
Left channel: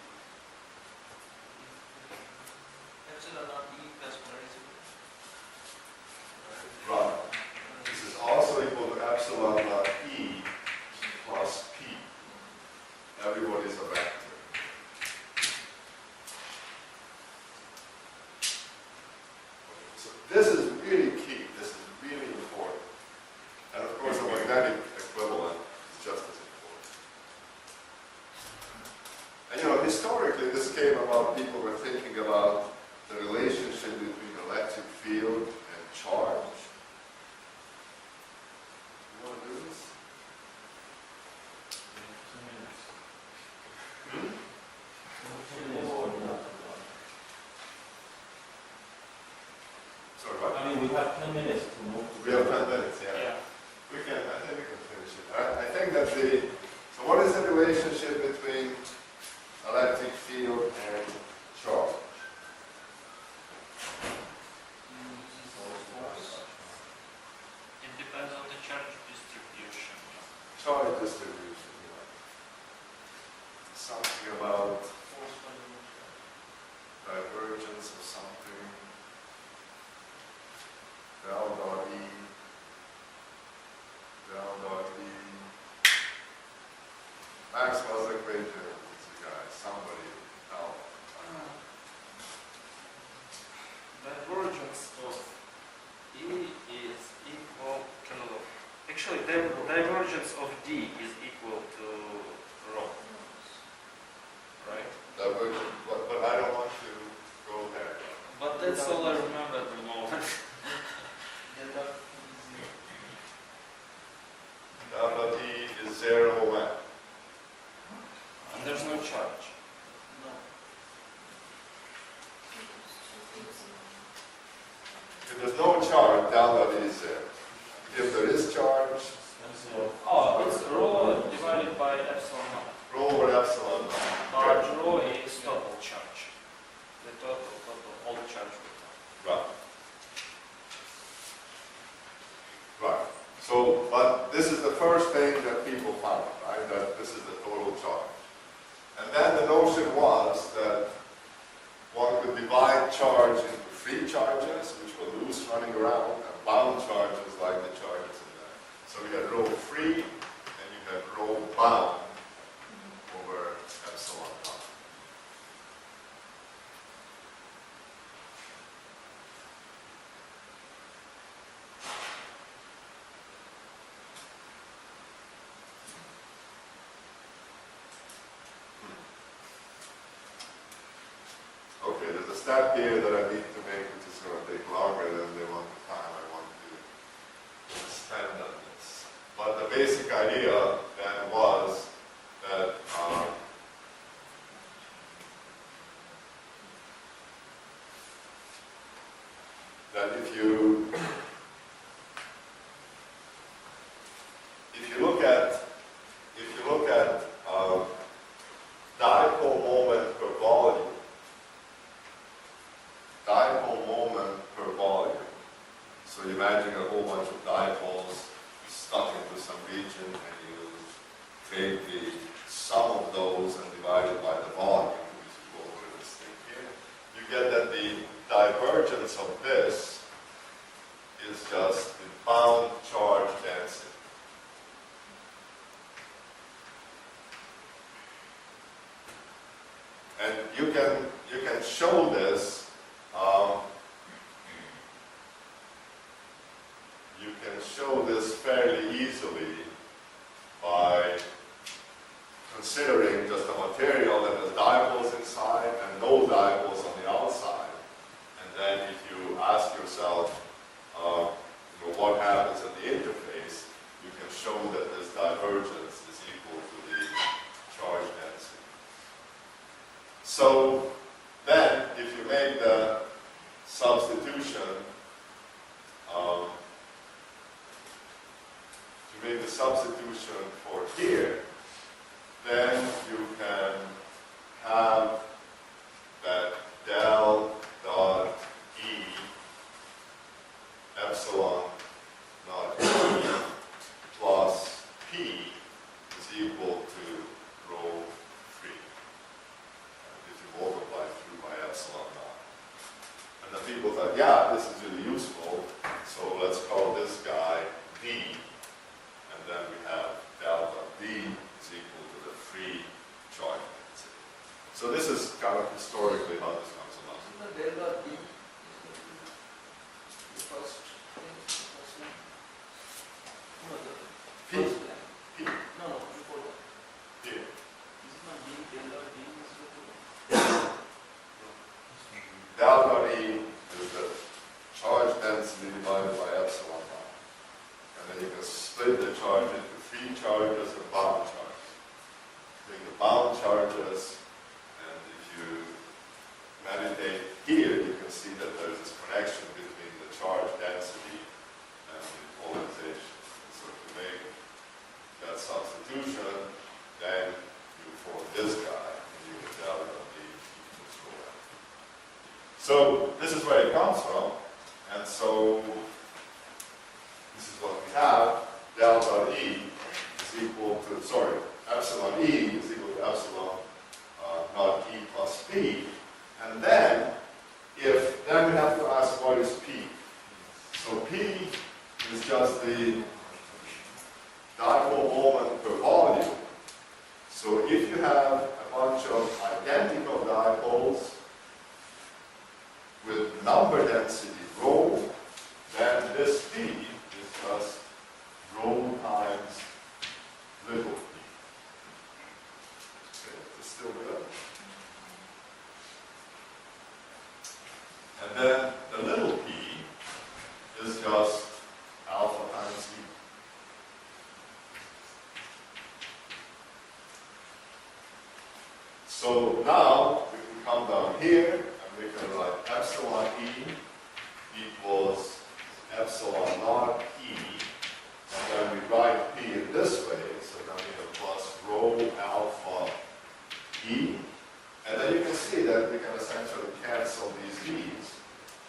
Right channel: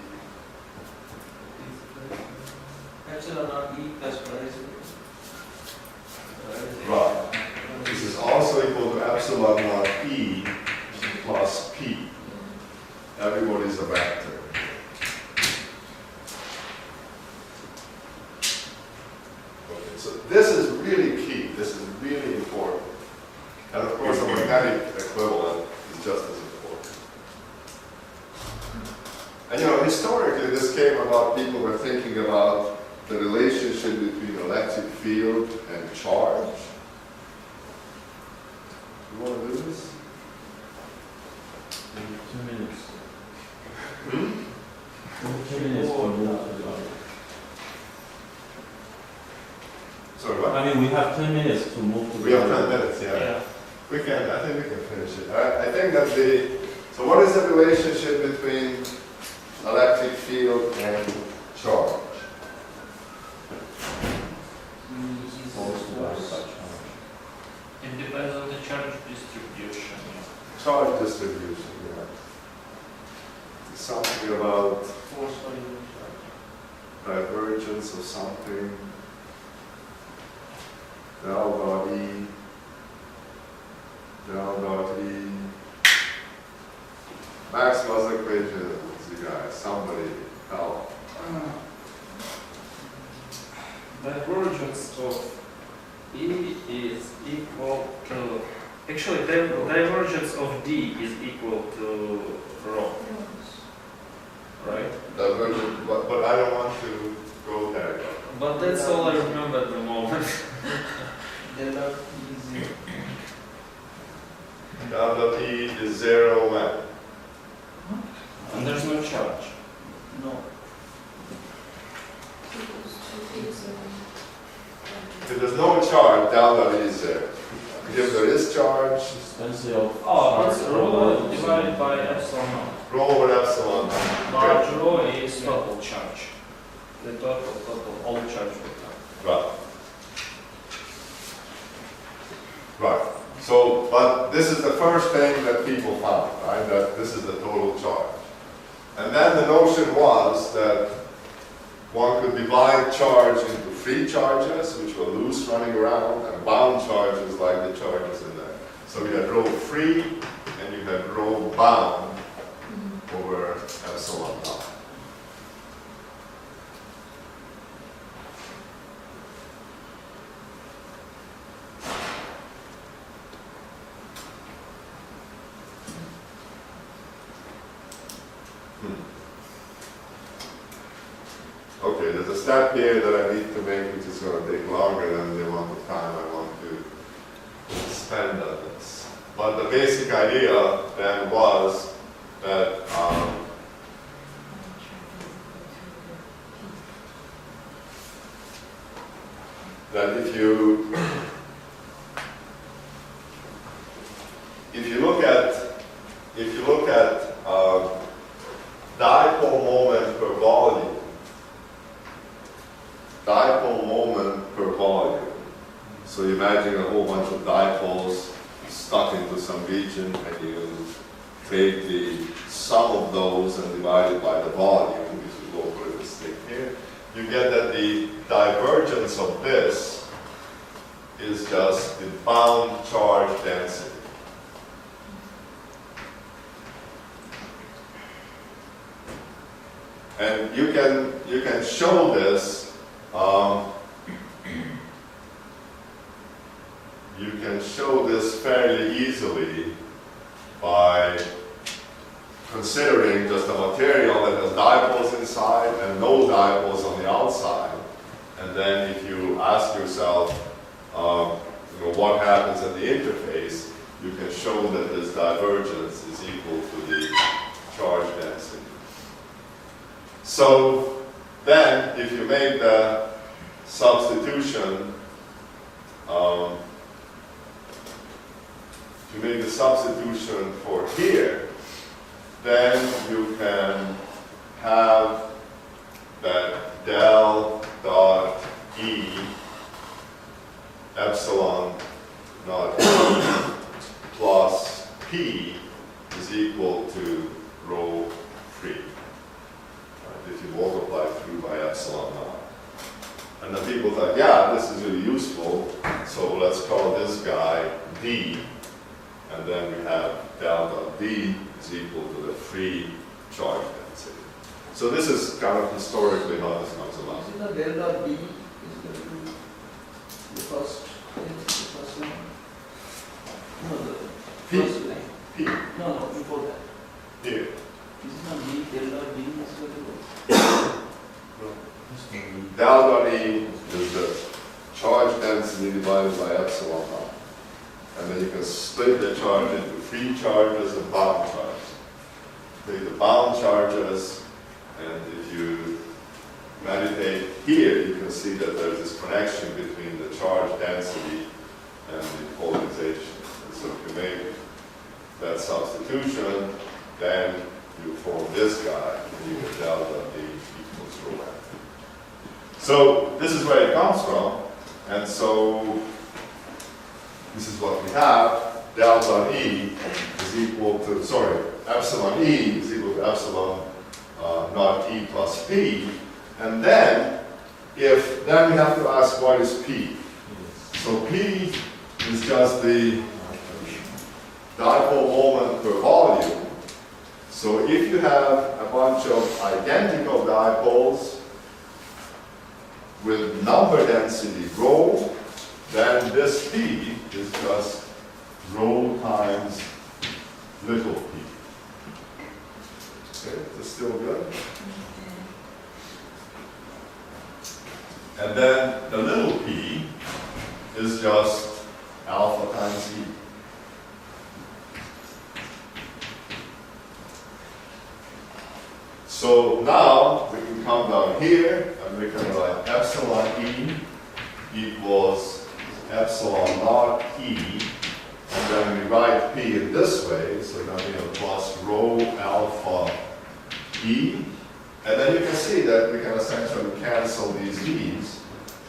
Epsilon naught E plus polarization. Right. This is also equal to epsilon naught E plus P. Everybody's a vector. Okay, so this is really key. This is really important. And of course, the magnetic equivalent is just as important. And you know, historically, this came about, people were thinking about the relationship between electric field and charge. You want to do this? 2 minutes. Hmm? 2 minutes for move to the other. Sorry, what? I mean, we have 10 minutes to move to the We have other. 10 minutes, yeah. Yeah. We can, I think we can finish it. I think that so what is the relationship between electric field and charge? Force divided by charge. It depends on the charge distribution. Charge distribution, yeah. Something about Force per unit charge. divergence of something. Del dot E. Del dot E. Maxwell's equation is the guy. Somebody help. Divergence of E is equal to, actually divergence of D is equal to rho, right? Divergent, but I don't want to go there. But that's all I remember at the moment. Del dot E is 0. Del dot E is 0 when? And there's no charge. No. If there's no charge, del dot E is 0. If there is charge, Density of Oh, it's charge rho over divided by epsilon naught. rho over epsilon. Large rho is total charge. The total, all charge vector. Right. Right. So, but this is the first thing that people found, right? That this is the total charge. And then the notion was that one could divide charge into free charges, which were loose running around, and bound charges like the charges in there. So you had rho free, and you had rho bound over epsilon naught. Okay, there's a step here that I need to make, which is going to take longer than the amount of time I want to spend on this. But the basic idea then was that that if you look at dipole moment per volume, so you imagine a whole bunch of dipoles stuck into some region, and you take the sum of those and divide it by the volume, if you go for this thing here, you get that the divergence of this is just the bound charge density. And you can show this. You can show this fairly easily by considering just a material that has dipoles inside and no dipoles on the outside. And then if you ask yourself, what happens at the interface, you can show that this divergence is equal to the charge density. So then, if you make the substitution, for here, then you can have that del dot E epsilon naught E plus P is equal to rho free. If you multiply through by epsilon naught. And then people thought, yeah, this is really useful, so let's call this guy D, and then we have del dot D is equal to the free charge density. So this is kind of historically how this comes about. Isn't the del dot D is going to be the first one? No, the P. first line. P. No, before that. Here. Is it not D, del dot D is going to be? Del dot E is the charge density divided by epsilon naught. And then you can split the charge into free charges and bound charges. Take the bound charges, and if you meditate here, you can see that there's this connection between the charge density and the polarization. And so if you make that substitution, then you form this guy, and you get del dot D equals rho f. So this is where it comes from, and so this is what we have. Del dot E is equal to, epsilon E is equal to epsilon naught E plus P. And then we have to ask what is P. So P is just the dipole moment per volume. So if you have a bunch of identical dipoles with number density rho, then this P is just rho times little p. Okay, is this still good? And then the little p is just alpha times e. So now we can come down here and we can write epsilon e equals epsilon naught e, and then we write p in this way, so then we have plus rho alpha e, and then you can see that we can essentially cancel these e's,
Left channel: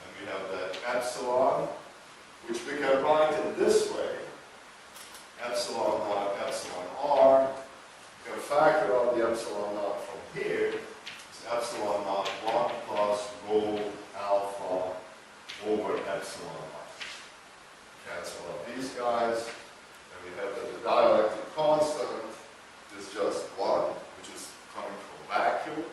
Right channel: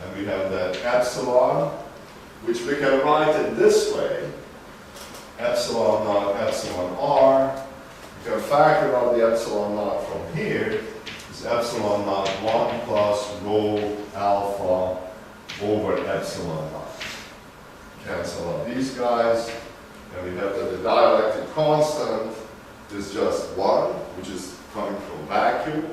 and we have that epsilon, which we can write it this way, epsilon naught epsilon r. You can factor out the epsilon naught from here, is epsilon naught 1 plus rho alpha over epsilon naught. Cancel out these guys, and we have that the dielectric constant is just 1, which is coming from vacuum,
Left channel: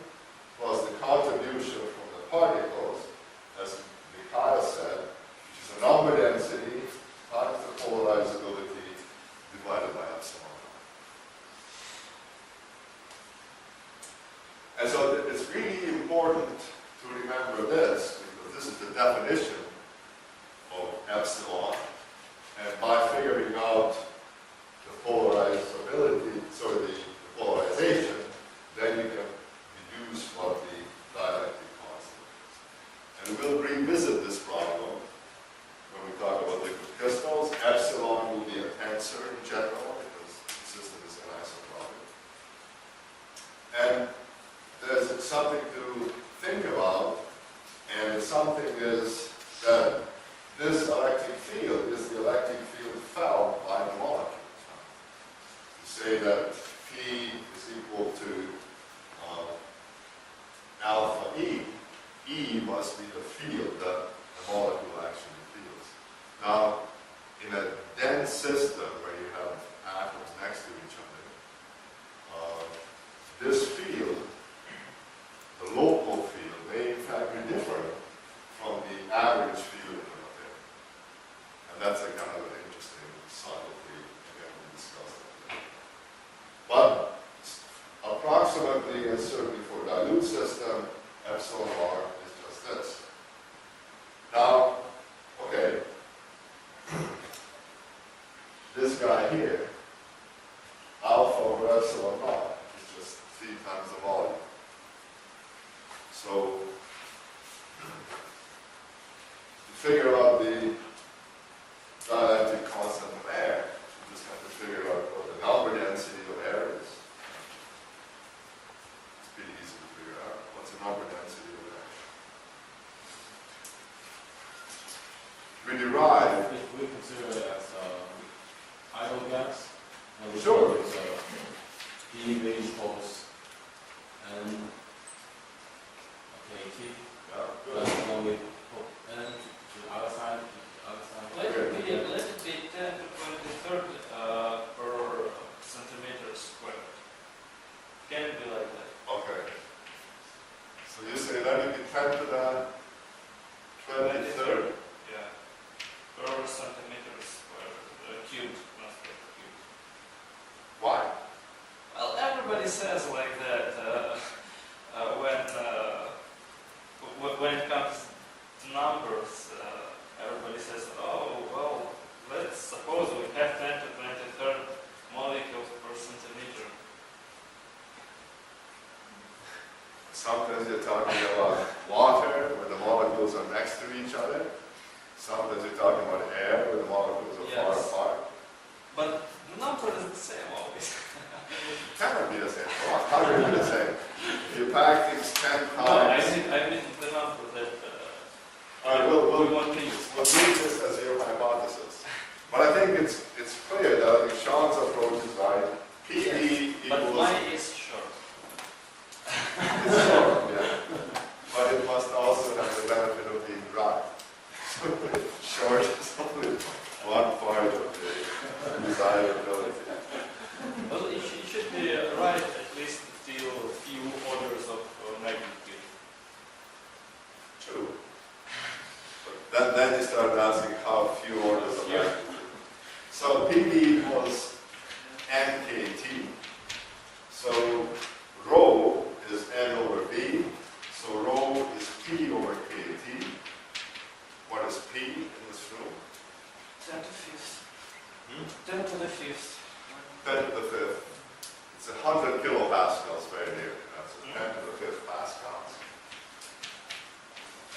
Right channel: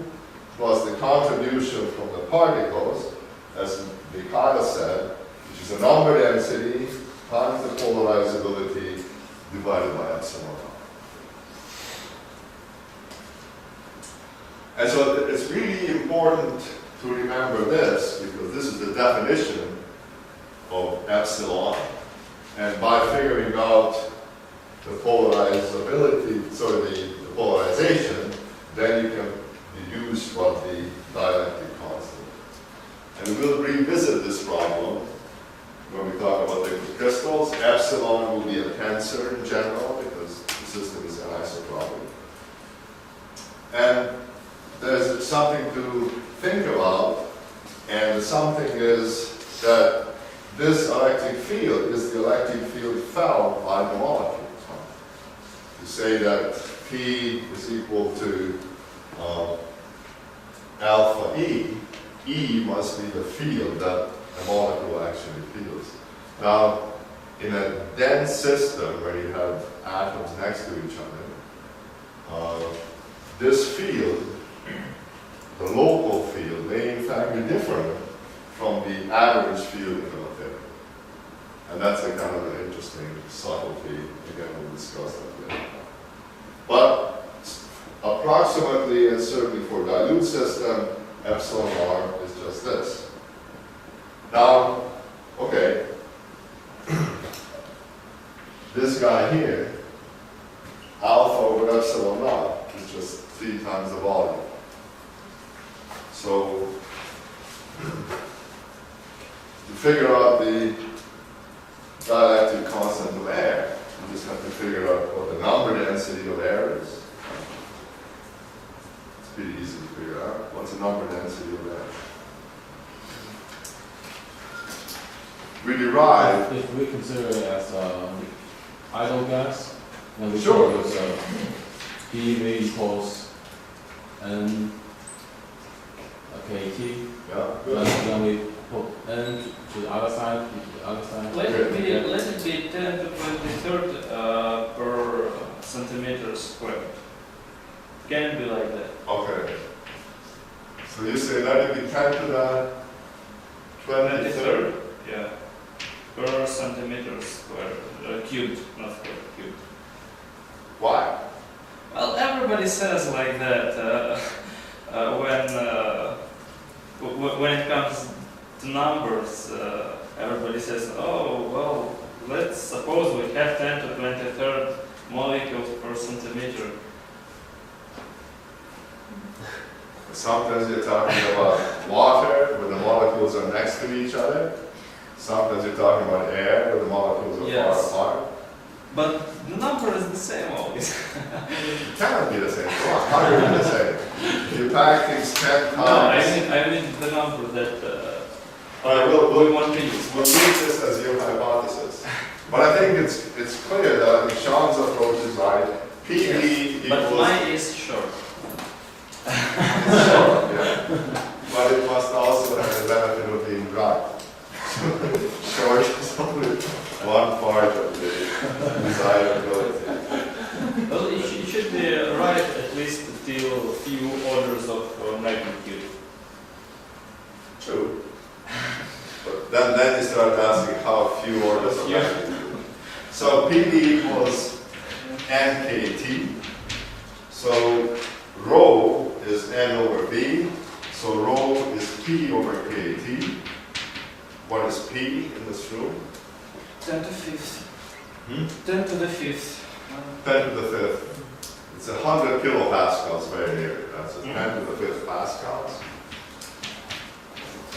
plus the contribution from the particles, as Mikhail said, which is a number density times the polarizability divided by epsilon naught. And so it's really important to remember this, because this is the definition of epsilon. And by figuring out the polarizability, the polarization, then you can deduce what the dielectric constant is. And we'll revisit this problem something to think about, and something is that this electric field is the electric field felt by the molecules. To say that P is equal to alpha E, E must be the field that the molecule actually feels. Now, in a dense system where you have atoms next to each other, this field, the local field, may in fact be different from the average field in the material. And that's a kind of an interesting subtlety. Again, we'll discuss that later. But approximately, and certainly for dilute system, epsilon r is just this. Now, okay, this guy here, alpha over epsilon naught, is just 3 times the volume. So, to figure out the dielectric constant of air, you just have to figure out what the number density of air is. It's pretty easy to figure out. What's the number density of air? We derive. If we consider it as idle gas, and we Sure. call this PV equals N KT, Yeah, good. then we put N to the other side, P to the other side. Let it be 10 to 23rd per centimeter squared. Can be like that. Okay. So you say let it be 10 to the 23rd? Yeah. Per centimeter squared, cubed, not squared, cubed. Why? Well, everybody says like that when it comes to numbers. Everybody says, oh, well, let's suppose we have 10 to 23rd molecules per centimeter. Sometimes you're talking about water, where the molecules are next to each other. Sometimes you're talking about air, where the molecules are Yes. far apart. But the number is the same always. It cannot be the same. Come on, how can it be the same? If you pack things 10 No, times. I mean the number that All right, we'll we want to use. We'll use this as your hypothesis. But I think it's clear that I think Sean's approach is right. PE But equals. mine is short. It's short, yeah. But it must also have the benefit of being dry. Short is only one part of the desirability. Well, it should be right at least till a few orders of magnitude. True. But then you start asking how few orders of magnitude. So PV equals NKT. So rho is N over B. So rho is P over KT. What is P in this room? 10 to the 5th. 10 to the 5th. 10 to the 5th. It's 100 kilopascals very nearly. That's 10 to the 5th pascals.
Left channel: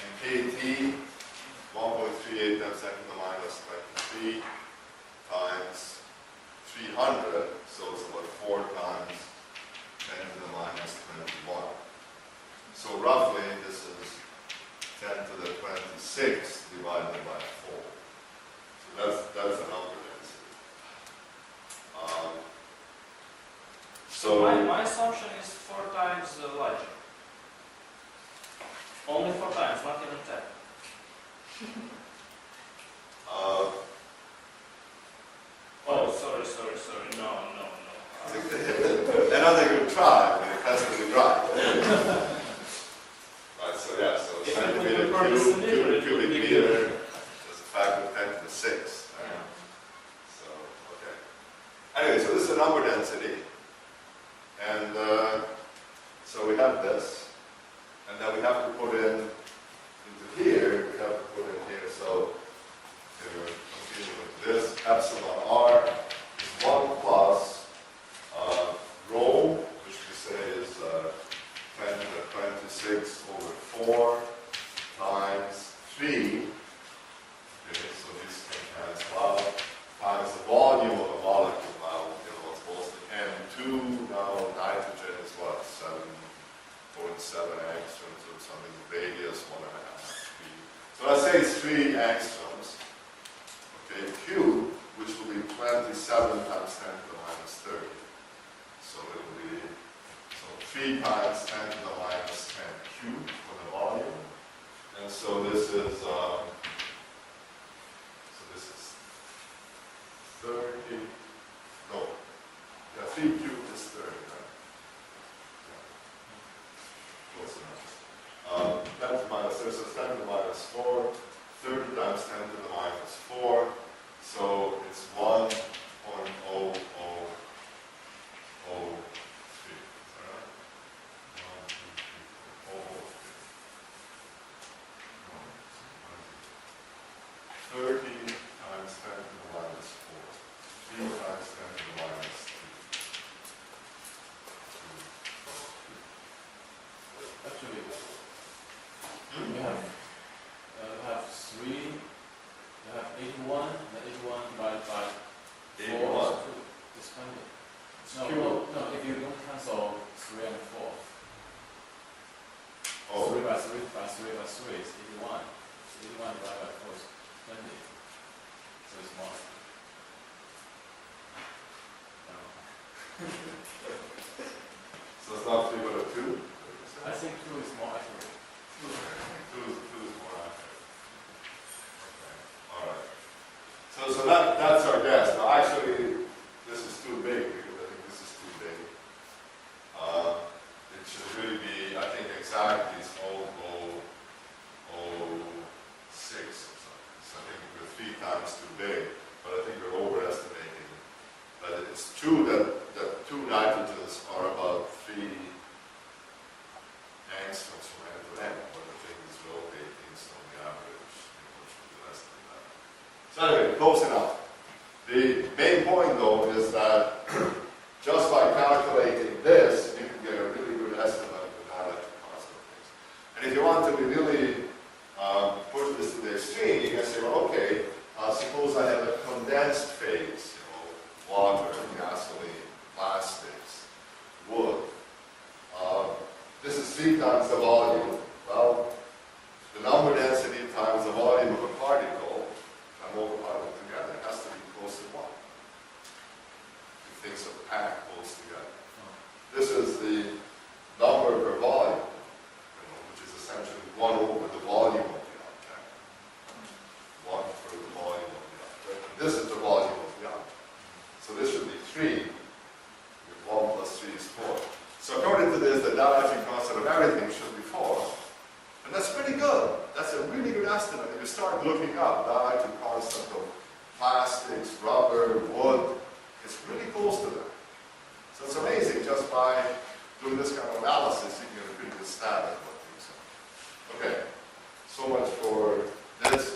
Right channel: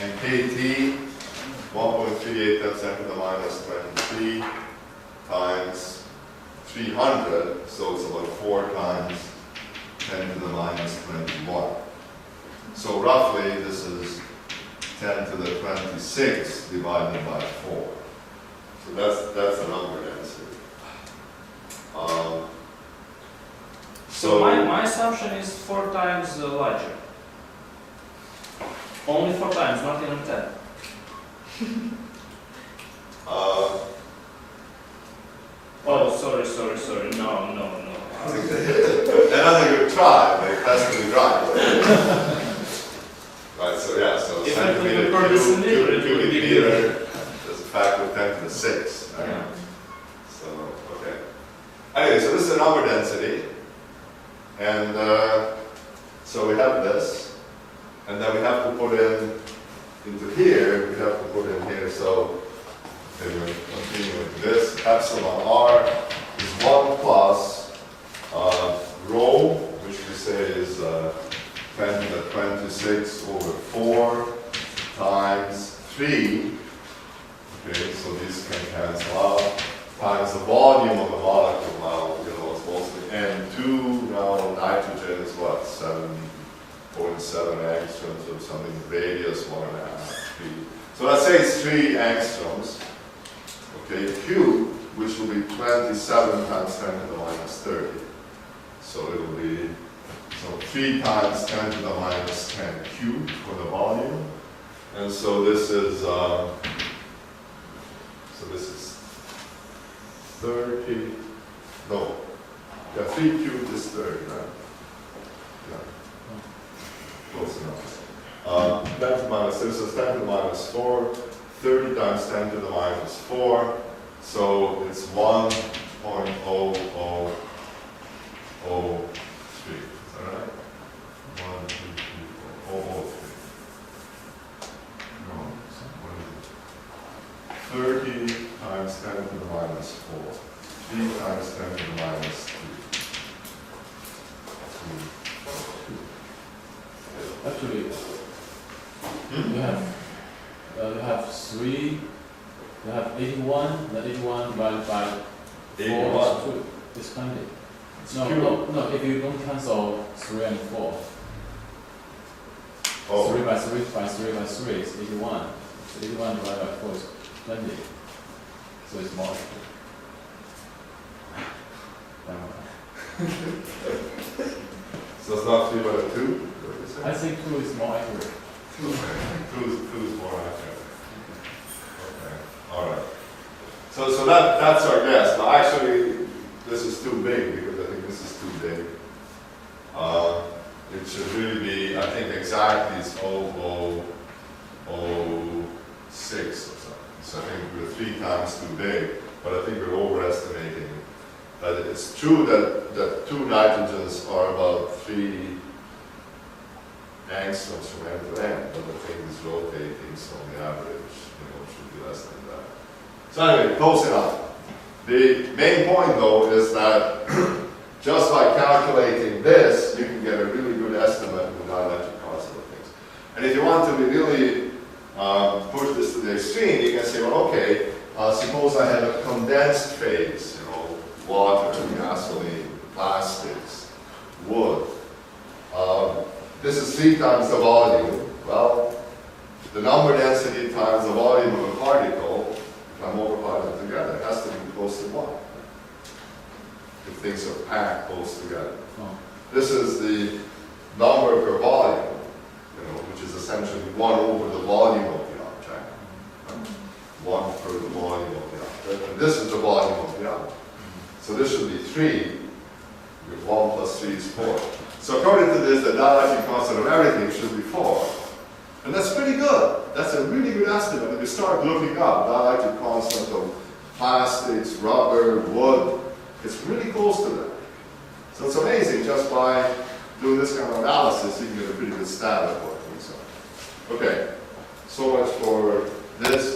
And KT, 1.38 times 10 to the minus 23 times 300, so it's about 4 times 10 to the minus 21. So roughly this is 10 to the 26 divided by 4. So that's the number density. So my assumption is 4 times larger. Only 4 times, not even 10. Oh, sorry. No. Another good try, but it has to be right. Right, so yeah, so If it centimeter would be per decimeter, it would cubic be meter good. is a factor of 10 to the 6. Right? Yeah. So, okay. Anyway, so this is the number density. And so we have this. And then we have to put into here, we have to put in here, so anyway, continue with this. Epsilon r is 1 plus rho, which we say is 10 to the 26 over 4 times 3. Okay, so these can cancel out. Times the volume of the molecule. Now, it's mostly N2. Now, nitrogen is what? 0.7 angstroms or something, radius 1.5, 3. So let's say it's 3 angstroms. Okay, cube, which will be 27 times 10 to the minus 30. So it'll be 3 times 10 to the minus 10 cubed for the volume. And so this is 30, no, yeah, 3 cubed is 30, right? Yeah, close enough. 10 to the minus, this is 10 to the minus 4, 30 times 10 to the minus 4, so it's 1.0003. Is that right? 1, 2, 3, 4, 003. No, what is it? 30 times 10 to the minus 4. 3 times 10 to the minus 2. Actually, you have 3, you have 81, the 81 divided by 4 81. is 2. It's 20. It's No, cube. no, if you don't cancel 3 and 4. Oh. 3 by 3 by 3 by 3 is 81. So 81 divided by 4 is 20. So it's more. So it's not 3 by 2? I think 2 is more accurate. 2 is more accurate. Okay, all right. So that's our guess. Now actually, this is too big because I think this is too big. It should really be, I think exactly is 0006 or something. So I think we're 3 times too big, but I think we're overestimating it. But it's true that 2 nitrogens are about 3 angstroms from end to end, but the thing is rotating, so on the average, it should be less than that. So anyway, close enough. The main point though is that just by calculating this, you can get a really good estimate of the dielectric constant of things. And if you want to really push this to the extreme, you can say, well, okay, suppose I have a condensed phase, water, gasoline, plastics, wood. This is 3 times the volume. Well, the number density times the volume of a particle, if I multiply them together, it has to be close to 1. If things are packed close together. Oh. This is the number per volume, which is essentially 1 over the volume of the object. 1 per the volume of the object. And this is the volume of the object. So this should be 3. 1 plus 3 is 4. So according to this, the dielectric constant of everything should be 4. And that's pretty good. That's a really good estimate. If you start looking up dielectric constant of plastics, rubber, wood, it's really close to that. So it's amazing just by doing this kind of analysis, you can get a pretty good stat of what things are. Okay, so much for this.